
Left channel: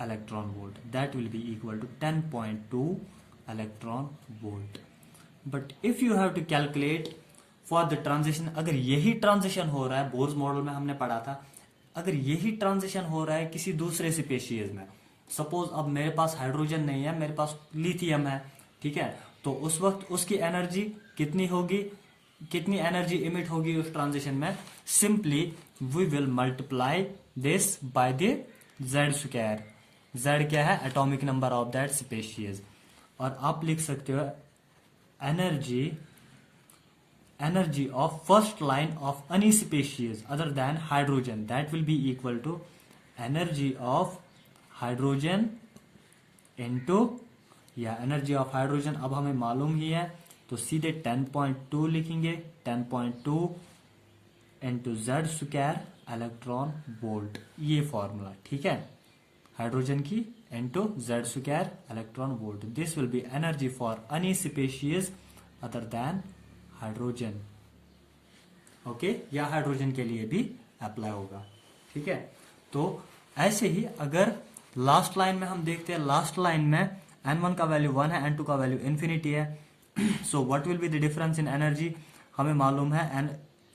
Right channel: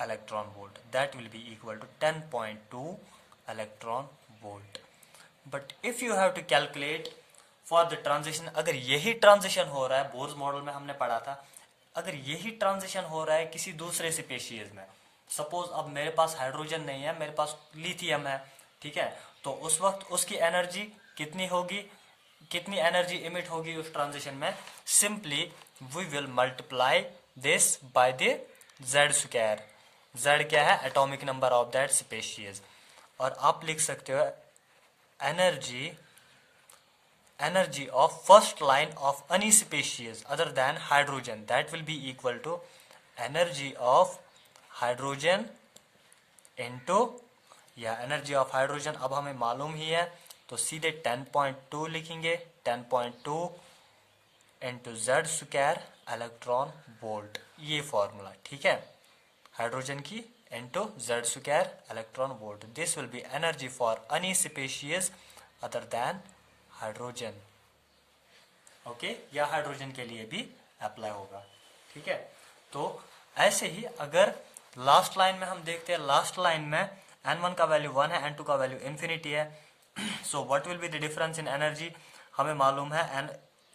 electron volt. That will be equal to 10.2 electron volt. But if you have to calculate for the transition, अगर यही ट्रांजिशन हो रहा है, बोर्स मॉडल में हमने पढ़ा था, अगर यही ट्रांजिशन हो रहा है किसी दूसरे स्पीशीज में, सपोज अब मेरे पास हाइड्रोजन नहीं है, मेरे पास लिथियम है. ठीक है, तो उस वक्त उसकी एनर्जी कितनी होगी? कितनी एनर्जी इमिट होगी उस ट्रांजिशन में, simply we will multiply this by the Z square. Z क्या है, atomic number of that species. और आप लिख सकते हो energy of first line of any species other than hydrogen, that will be equal to energy of hydrogen into, या एनर्जी ऑफ हाइड्रोजन अब हमें मालूम ही है, तो सीधे 10.2 लिखेंगे, 10.2 into Z square electron volt, ये फॉर्मूला, ठीक है, हाइड्रोजन की into Z square electron volt. This will be energy for any species other than hydrogen. Okay, या हाइड्रोजन के लिए भी अप्लाई होगा, ठीक है। तो ऐसे ही अगर लास्ट लाइन में हम देखते हैं, लास्ट लाइन में n1 का वैल्यू 1 है, n2 का वैल्यू इन्फिनिटी है, so what will be the difference in energy, हमें मालूम है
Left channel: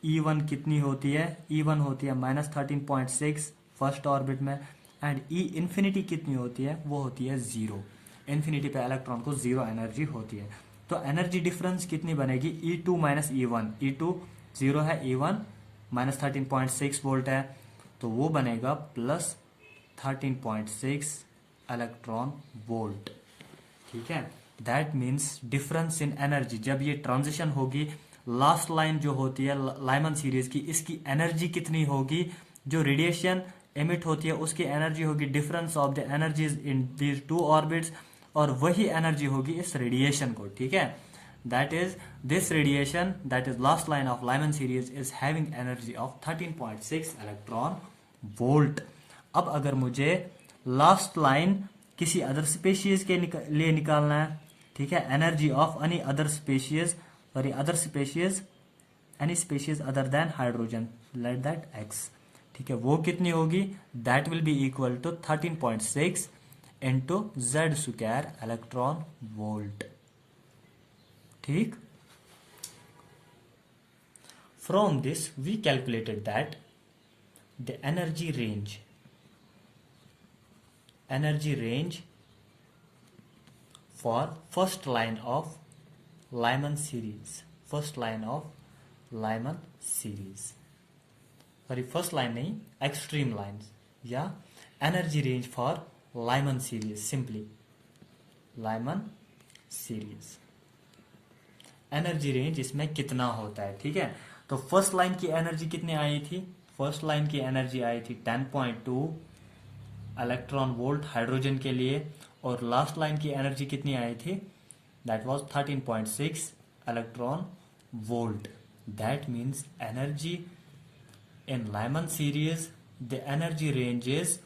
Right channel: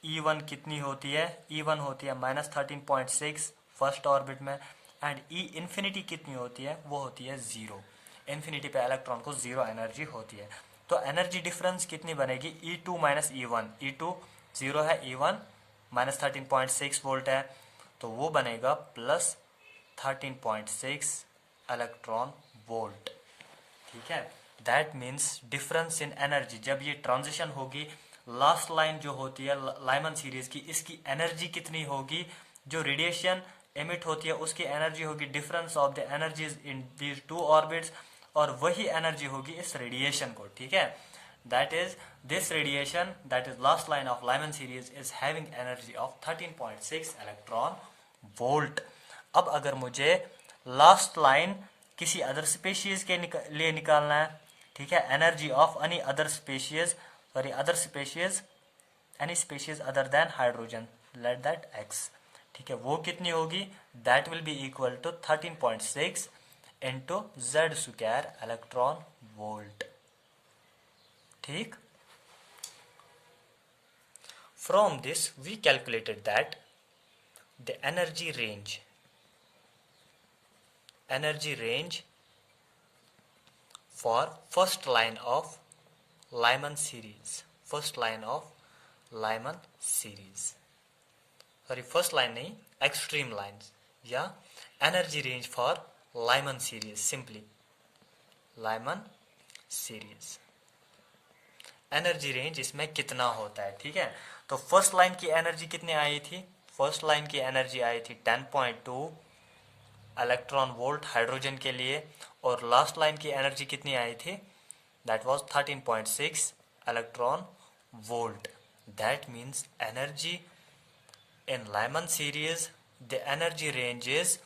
E1 कितनी होती है, E1 होती है -13.6 फर्स्ट ऑर्बिट में, एंड E इन्फिनिटी कितनी होती है, वो होती है 0। इन्फिनिटी पे इलेक्ट्रॉन को 0 एनर्जी होती है। तो एनर्जी डिफरेंस कितनी बनेगी, E2 माइनस E1, E2 0 है, E1 -13.6 वोल्ट है, तो वो बनेगा प्लस 13.6 इलेक्ट्रॉन वोल्ट, ठीक है। That means difference in energy, जब ये ट्रांजिशन होगी, लास्ट लाइन जो होती है लाइमन सीरीज की, इसकी एनर्जी कितनी होगी, जो रेडिएशन एमिट होती है उसकी एनर्जी होगी difference of the energies in these two orbits, और वही एनर्जी होगी इस रेडिएशन को, ठीक है। That is this radiation, that is last line of Lyman series is having energy of 13.6 electron volt. अब अगर मुझे लास्ट लाइन किसी अदर स्पेशीज के लिए निकालना है, ठीक है, energy of any other species, sorry other species, any species other than hydrogen, let that x, ठीक है, वो कितनी होगी, that will be equal to 13.6 into Z square electron volt, ठीक। From this we calculated that the energy range for first line of Lyman series, first line नहीं, extreme lines, या energy range for Lyman series, simply Lyman series energy range इसमें कितना होता है, ठीक है। तो फर्स्ट लाइन की एनर्जी कितनी आई थी, फर्स्ट लाइन की एनर्जी आई थी 10.2 इलेक्ट्रॉन वोल्ट हाइड्रोजन के लिए, और लास्ट लाइन की एनर्जी कितनी आई थी, that was 13.6 electron volt. That means energy in Lyman series the energy range is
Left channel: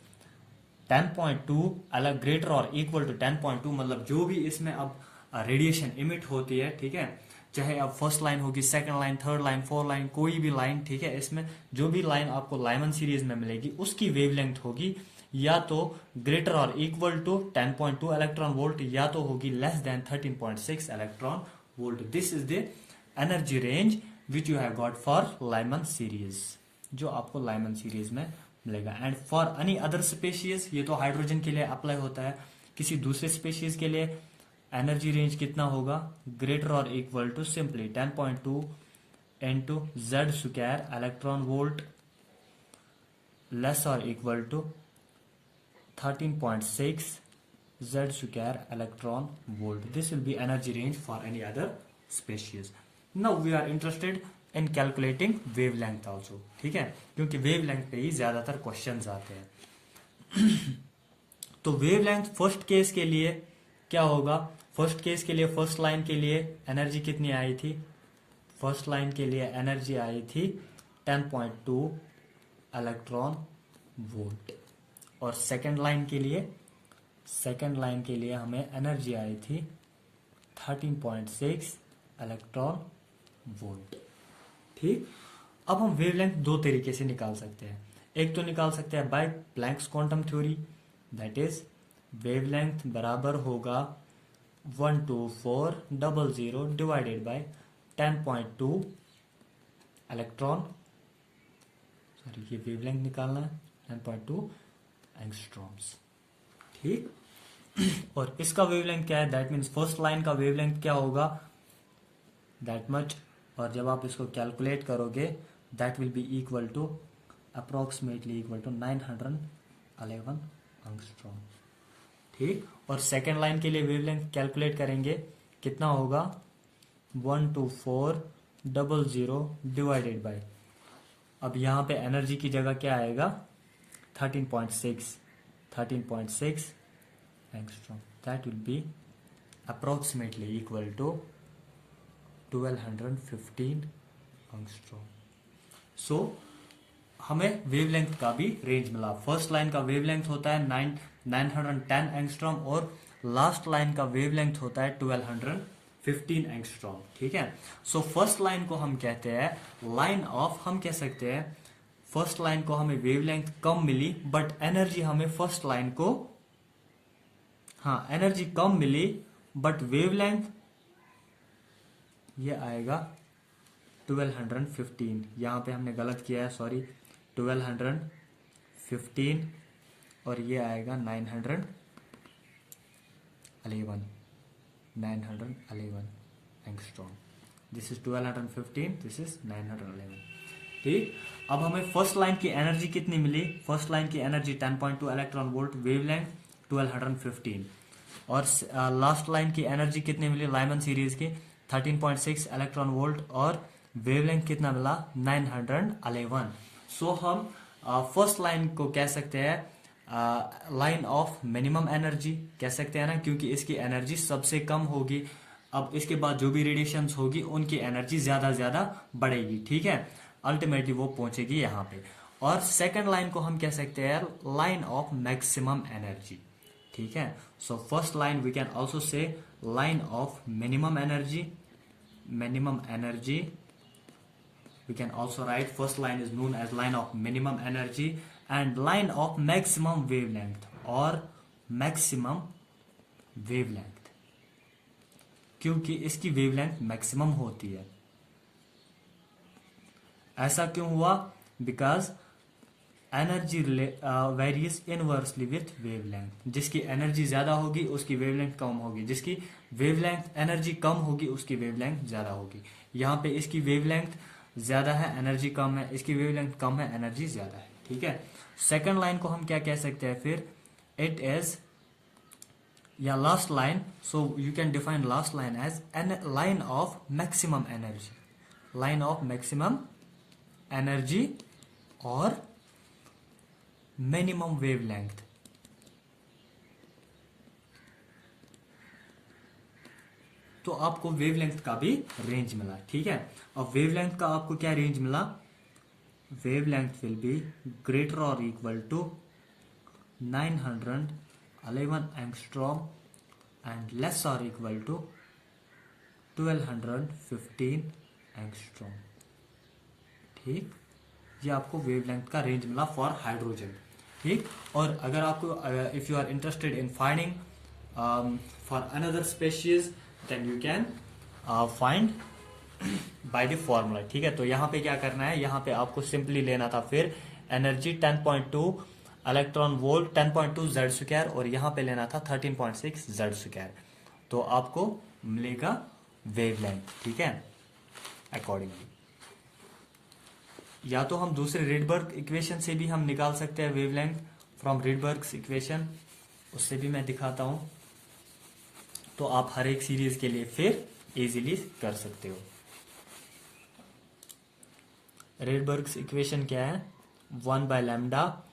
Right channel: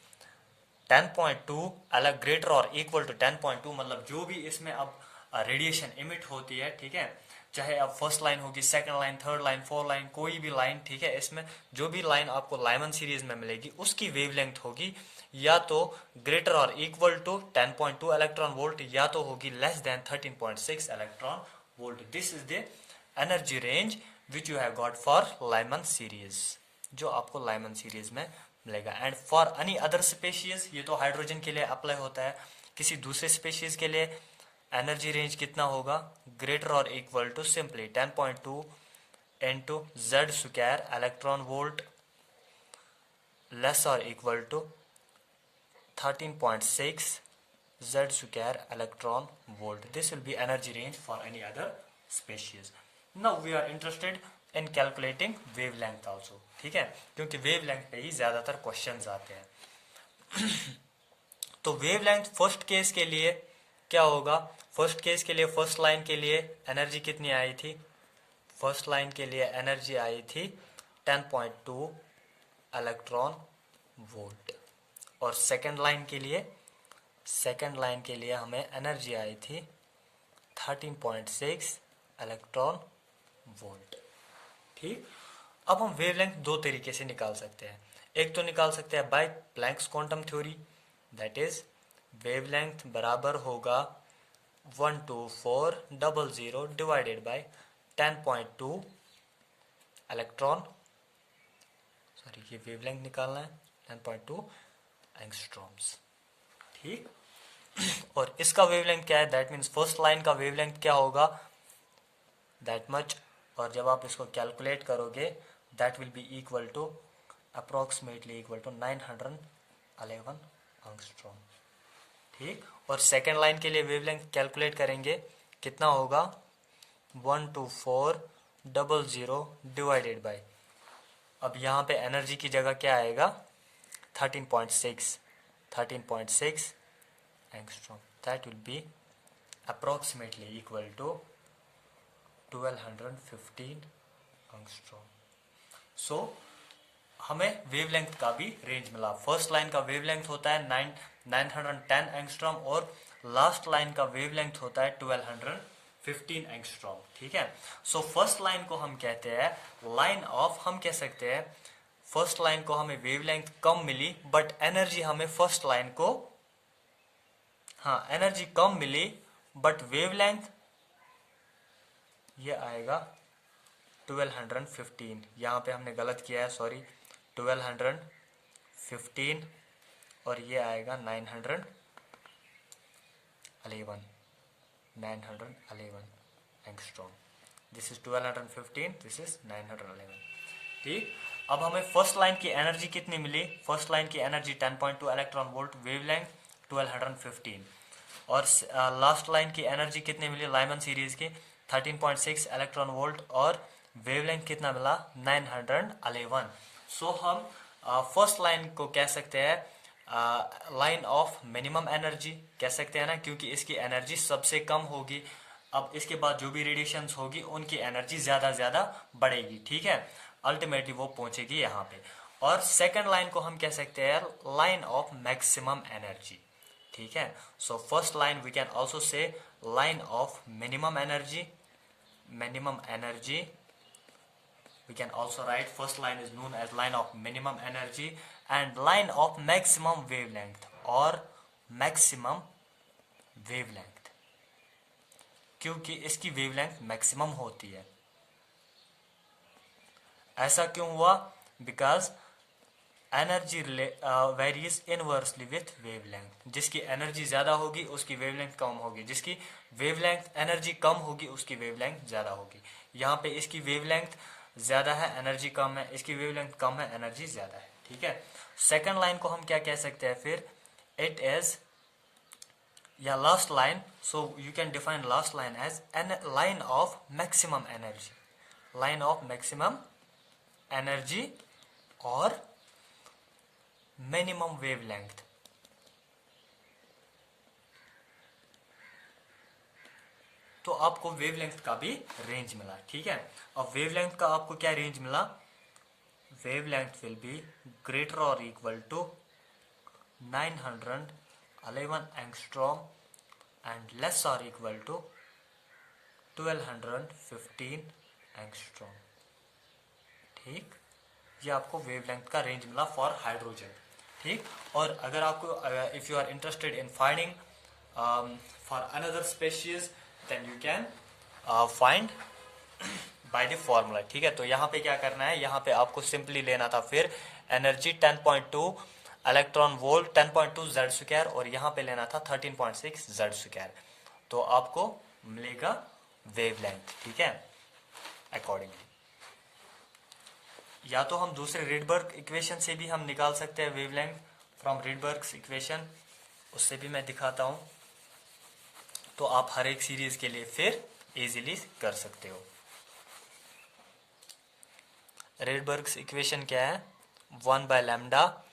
10.2 greater और इक्वल टू 10.2, मतलब जो भी इसमें अब रेडिएशन इमिट होती है, ठीक है, चाहे अब फर्स्ट लाइन होगी, second line, third line, fourth line, कोई भी लाइन, ठीक है, इसमें जो भी लाइन आपको लाइमन सीरीज में मिलेगी उसकी वेवलेंथ होगी या तो ग्रेटर और इक्वल टू 10.2 इलेक्ट्रॉन वोल्ट, या तो होगी less than 13.6 electron volt. This is the energy range which you have got for Lyman series, जो आपको लाइमन सीरीज में मिलेगा। And for any other species, ये तो हाइड्रोजन के लिए अप्लाई होता है, किसी दूसरे स्पेशीज के लिए एनर्जी रेंज कितना होगा, ग्रेटर और equal to simply 10.2 into Z square electron volt, less और equal to 13.6 Z square electron volt. This will be energy range for any other species. Now we are interested in calculating wavelength also, ठीक है, क्योंकि वेवलेंथ पे ही ज्यादातर क्वेश्चंस आते हैं। तो वेवलेंथ फर्स्ट केस के लिए क्या होगा, फर्स्ट केस के लिए फर्स्ट लाइन के लिए एनर्जी कितनी आई थी, फर्स्ट लाइन के लिए एनर्जी आई थी 10.2 इलेक्ट्रॉन वोल्ट, और सेकंड लाइन के लिए हमें एनर्जी आई थी 13.6 इलेक्ट्रॉन वोल्ट, ठीक। अब हम वेवलेंथ दो तरीके से निकाल सकते हैं, एक तो निकाल सकते हैं by Planck's quantum theory, that is wavelength बराबर होगा 12400 डिवाइडेड बाय 10.2 इलेक्ट्रॉन, सॉरी ये वेवलेंथ निकालना है 10.2 एंगस्ट्रॉम्स, ठीक। और इसका वेवलेंथ क्या है, दैट मीन्स फर्स्ट लाइन का वेवलेंथ क्या होगा, दैट मच, और जब आप इसको कैलकुलेट करोगे that will be equal to approximately equal to 911 angstrom. ठीक, और सेकेंड लाइन के लिए वेवलेंथ कैलकुलेट करेंगे, कितना होगा 12400 डिवाइडेड बाय, अब यहाँ पे एनर्जी की जगह क्या आएगा 13.6 angstrom, that will be approximately equal to 1215 angstrom. So हमें वेवलेंथ का भी रेंज मिला। फर्स्ट लाइन का वेवलेंथ होता है 910 एंगस्ट्रॉम और लास्ट लाइन का वेवलेंथ होता है 1215 एंगस्ट्रॉम। ठीक है, सो फर्स्ट लाइन को हम कहते हैं लाइन ऑफ, हम कह सकते हैं फर्स्ट लाइन को हमें वेवलेंथ कम मिली बट एनर्जी हमें फर्स्ट लाइन को, हाँ एनर्जी कम मिली बट वेवलेंथ ये आएगा 1215, यहाँ पे हमने गलत किया है सॉरी, 1215 और ये आएगा 911 angstrom. This is 1215, this is 911। ठीक, अब हमें फर्स्ट लाइन की एनर्जी कितनी मिली, फर्स्ट लाइन की एनर्जी 10.2 इलेक्ट्रॉन वोल्ट, वेवलेंथ 1215, और लास्ट लाइन की एनर्जी कितनी मिली लाइमन सीरीज की 13.6 इलेक्ट्रॉन वोल्ट और वेवलेंथ कितना मिला 911। सो हम फर्स्ट लाइन को कह सकते हैं लाइन ऑफ मिनिमम एनर्जी कह सकते हैं ना, क्योंकि इसकी एनर्जी सबसे कम होगी। अब इसके बाद जो भी रेडिएशंस होगी उनकी एनर्जी ज्यादा बढ़ेगी। ठीक है, अल्टीमेटली वो पहुंचेगी यहाँ पे। और सेकंड लाइन को हम कह सकते हैं लाइन ऑफ मैक्सिमम एनर्जी। ठीक है, so first line we can also say line of minimum energy, we can also write first line is known as line of minimum energy and line of maximum wavelength or maximum wavelength, क्योंकि इसकी वेवलेंथ मैक्सिमम होती है। ऐसा क्यों हुआ, because energy varies inversely with wavelength, जिसकी एनर्जी ज्यादा होगी उसकी वेवलेंथ कम होगी, जिसकी वेवलेंथ एनर्जी कम होगी उसकी वेवलेंथ ज्यादा होगी। यहाँ पे इसकी वेवलेंथ ज्यादा है एनर्जी कम है, इसकी वेवलेंथ कम है एनर्जी ज्यादा है। ठीक है, सेकंड लाइन को हम क्या कह सकते हैं फिर, इट इज या last line, so you can define last line as an line of maximum energy, line of maximum energy और मिनिमम वेवलेंथ। तो आपको वेवलेंथ का भी रेंज मिला। ठीक है, अब वेवलेंथ का आपको क्या रेंज मिला, वेवलेंथ विल बी ग्रेटर और equal to 911 angstrom and less और इक्वल टू 1215 एंगस्ट्रॉम। ठीक, ये आपको वेवलेंथ का रेंज मिला फॉर हाइड्रोजन। ठीक, और अगर आपको if you are interested in finding for another species then you can find by the formula. ठीक है, तो यहाँ पे क्या करना है, यहाँ पे आपको सिंपली लेना था फिर energy 10.2 electron volt 10.2 Z square और यहाँ पे लेना था 13.6 जेड स्क्वायर, तो आपको मिलेगा वेवलेंथ। ठीक है, अकॉर्डिंगली या तो हम दूसरे रिडबर्ग इक्वेशन से भी हम निकाल सकते हैं वेवलेंथ फ्रॉम रिडबर्ग्स इक्वेशन, उससे भी मैं दिखाता हूं, तो आप हर एक सीरीज के लिए फिर इजीली कर सकते हो। रिडबर्ग्स इक्वेशन क्या है, 1 by lambda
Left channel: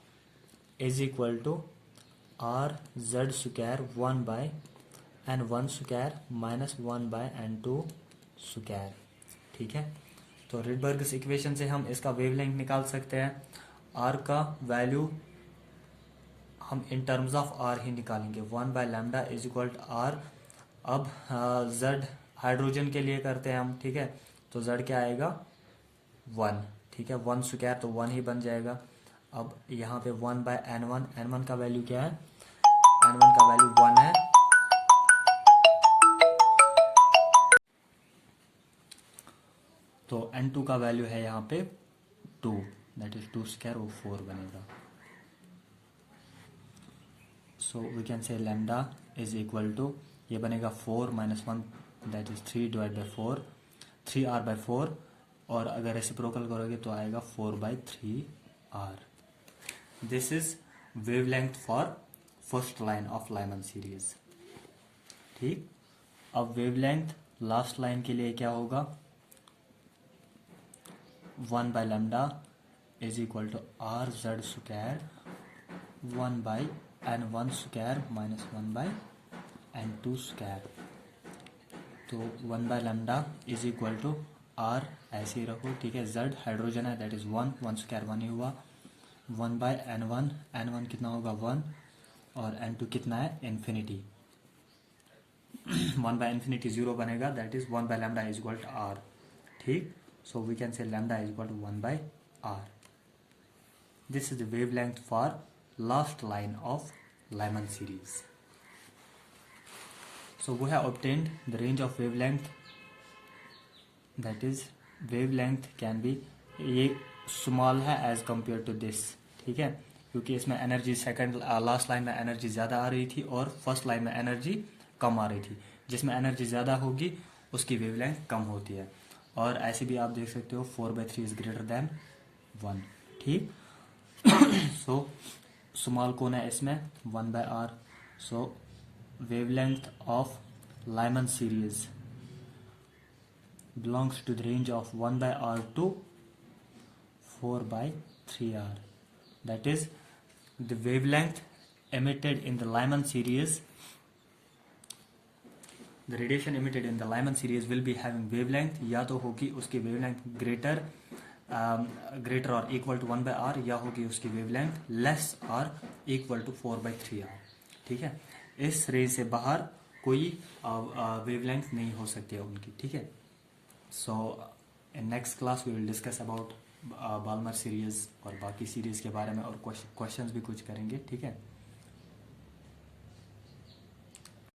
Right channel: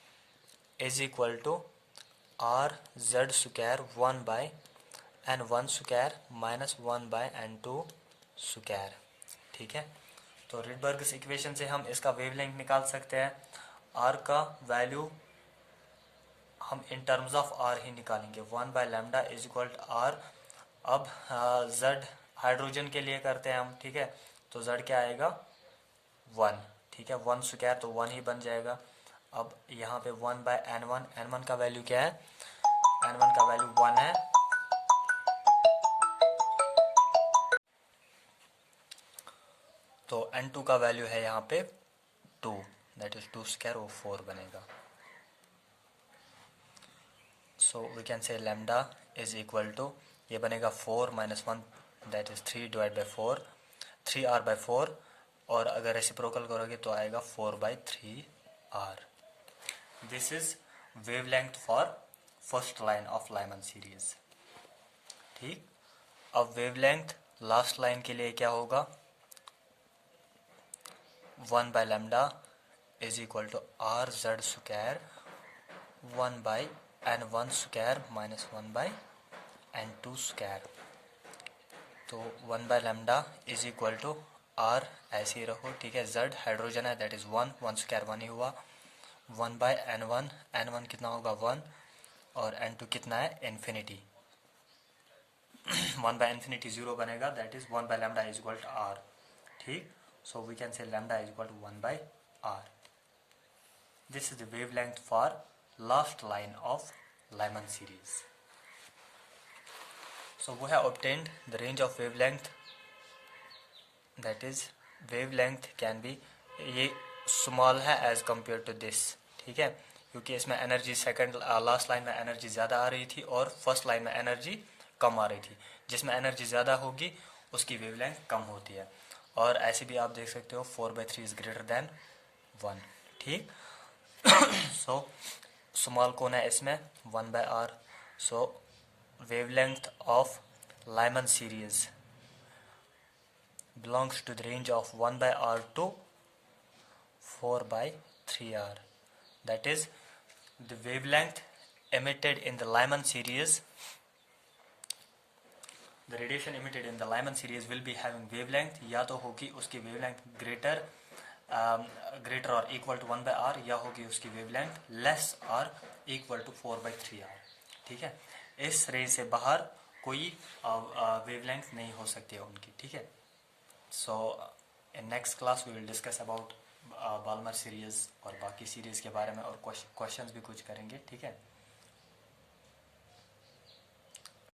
is equal to R Z square 1 by n1 square minus 1 by n2 square. ठीक है, तो रिडबर्ग्स इक्वेशन से हम इसका वेवलेंथ निकाल सकते हैं। आर का वैल्यू हम इन टर्म्स ऑफ आर ही निकालेंगे, 1 by lambda is equal to R. अब जेड हाइड्रोजन के लिए करते हैं हम। ठीक है, तो जेड क्या आएगा 1। ठीक है, 1 स्क्वायर तो 1 ही बन जाएगा। अब यहाँ पे 1 बाय n1, n1 का वैल्यू क्या है, n1 का वैल्यू 1 है। तो n2 का वैल्यू है यहाँ पे 2, दैट इज 2 स्क्वायर, वो 4 बनेगा। So we can say lambda is equal to, ये बनेगा 4 minus 1 that is 3 divide by 4, 3r/4, और अगर रेसिप्रोकल करोगे तो आएगा 4/3r। This is wavelength for first line of Lyman series. ठीक, अब वेवलेंथ लास्ट लाइन के लिए क्या होगा, 1/λ is equal to R Z square 1/n1 square minus 1/n2 square. तो 1/λ इज इक्वल टू आर, ऐसे ही रखो, ठीक है। जेड हाइड्रोजन है, दैट इज 1 स्क्वायर 1 ही हुआ, 1/n1, n1 कितना होगा 1, और n2 कितना है इन्फिनिटी। 1/infinity 0 बनेगा, that is 1/λ is equal to R. ठीक, so we can say lambda is equal to 1/r। This is the wavelength for last line of Lyman series. So we have obtained the range of wavelength, that is wavelength can be, ये small है as compared to this, ठीक है, क्योंकि इसमें एनर्जी सेकंड लास्ट लाइन में एनर्जी ज़्यादा आ रही थी और फर्स्ट लाइन में एनर्जी कम आ रही थी। जिसमें एनर्जी ज़्यादा होगी उसकी वेवलेंथ कम होती है। और ऐसे भी आप देख सकते हो 4/3 इज ग्रेटर देन 1। ठीक, सो स्मॉल कौन है इसमें 1/r। So wavelength of Lyman series belongs to the range of 1/r to 4/3r। That is the wavelength emitted in the Lyman series, the radiation emitted in the Lyman series will be having wavelength, या तो होगी उसकी वेवलेंथ ग्रेटर और इक्वल टू 1/r, या होगी उसकी वेवलेंथ लेस और इक्वल टू 4/3r। ठीक है, इस रेंज से बाहर कोई वेवलेंथ नहीं हो सकती है उनकी। ठीक है, so in next class we will discuss about Balmer series और बाकी सीरीज के बारे में, और क्वेश्चंस भी कुछ करेंगे। ठीक है।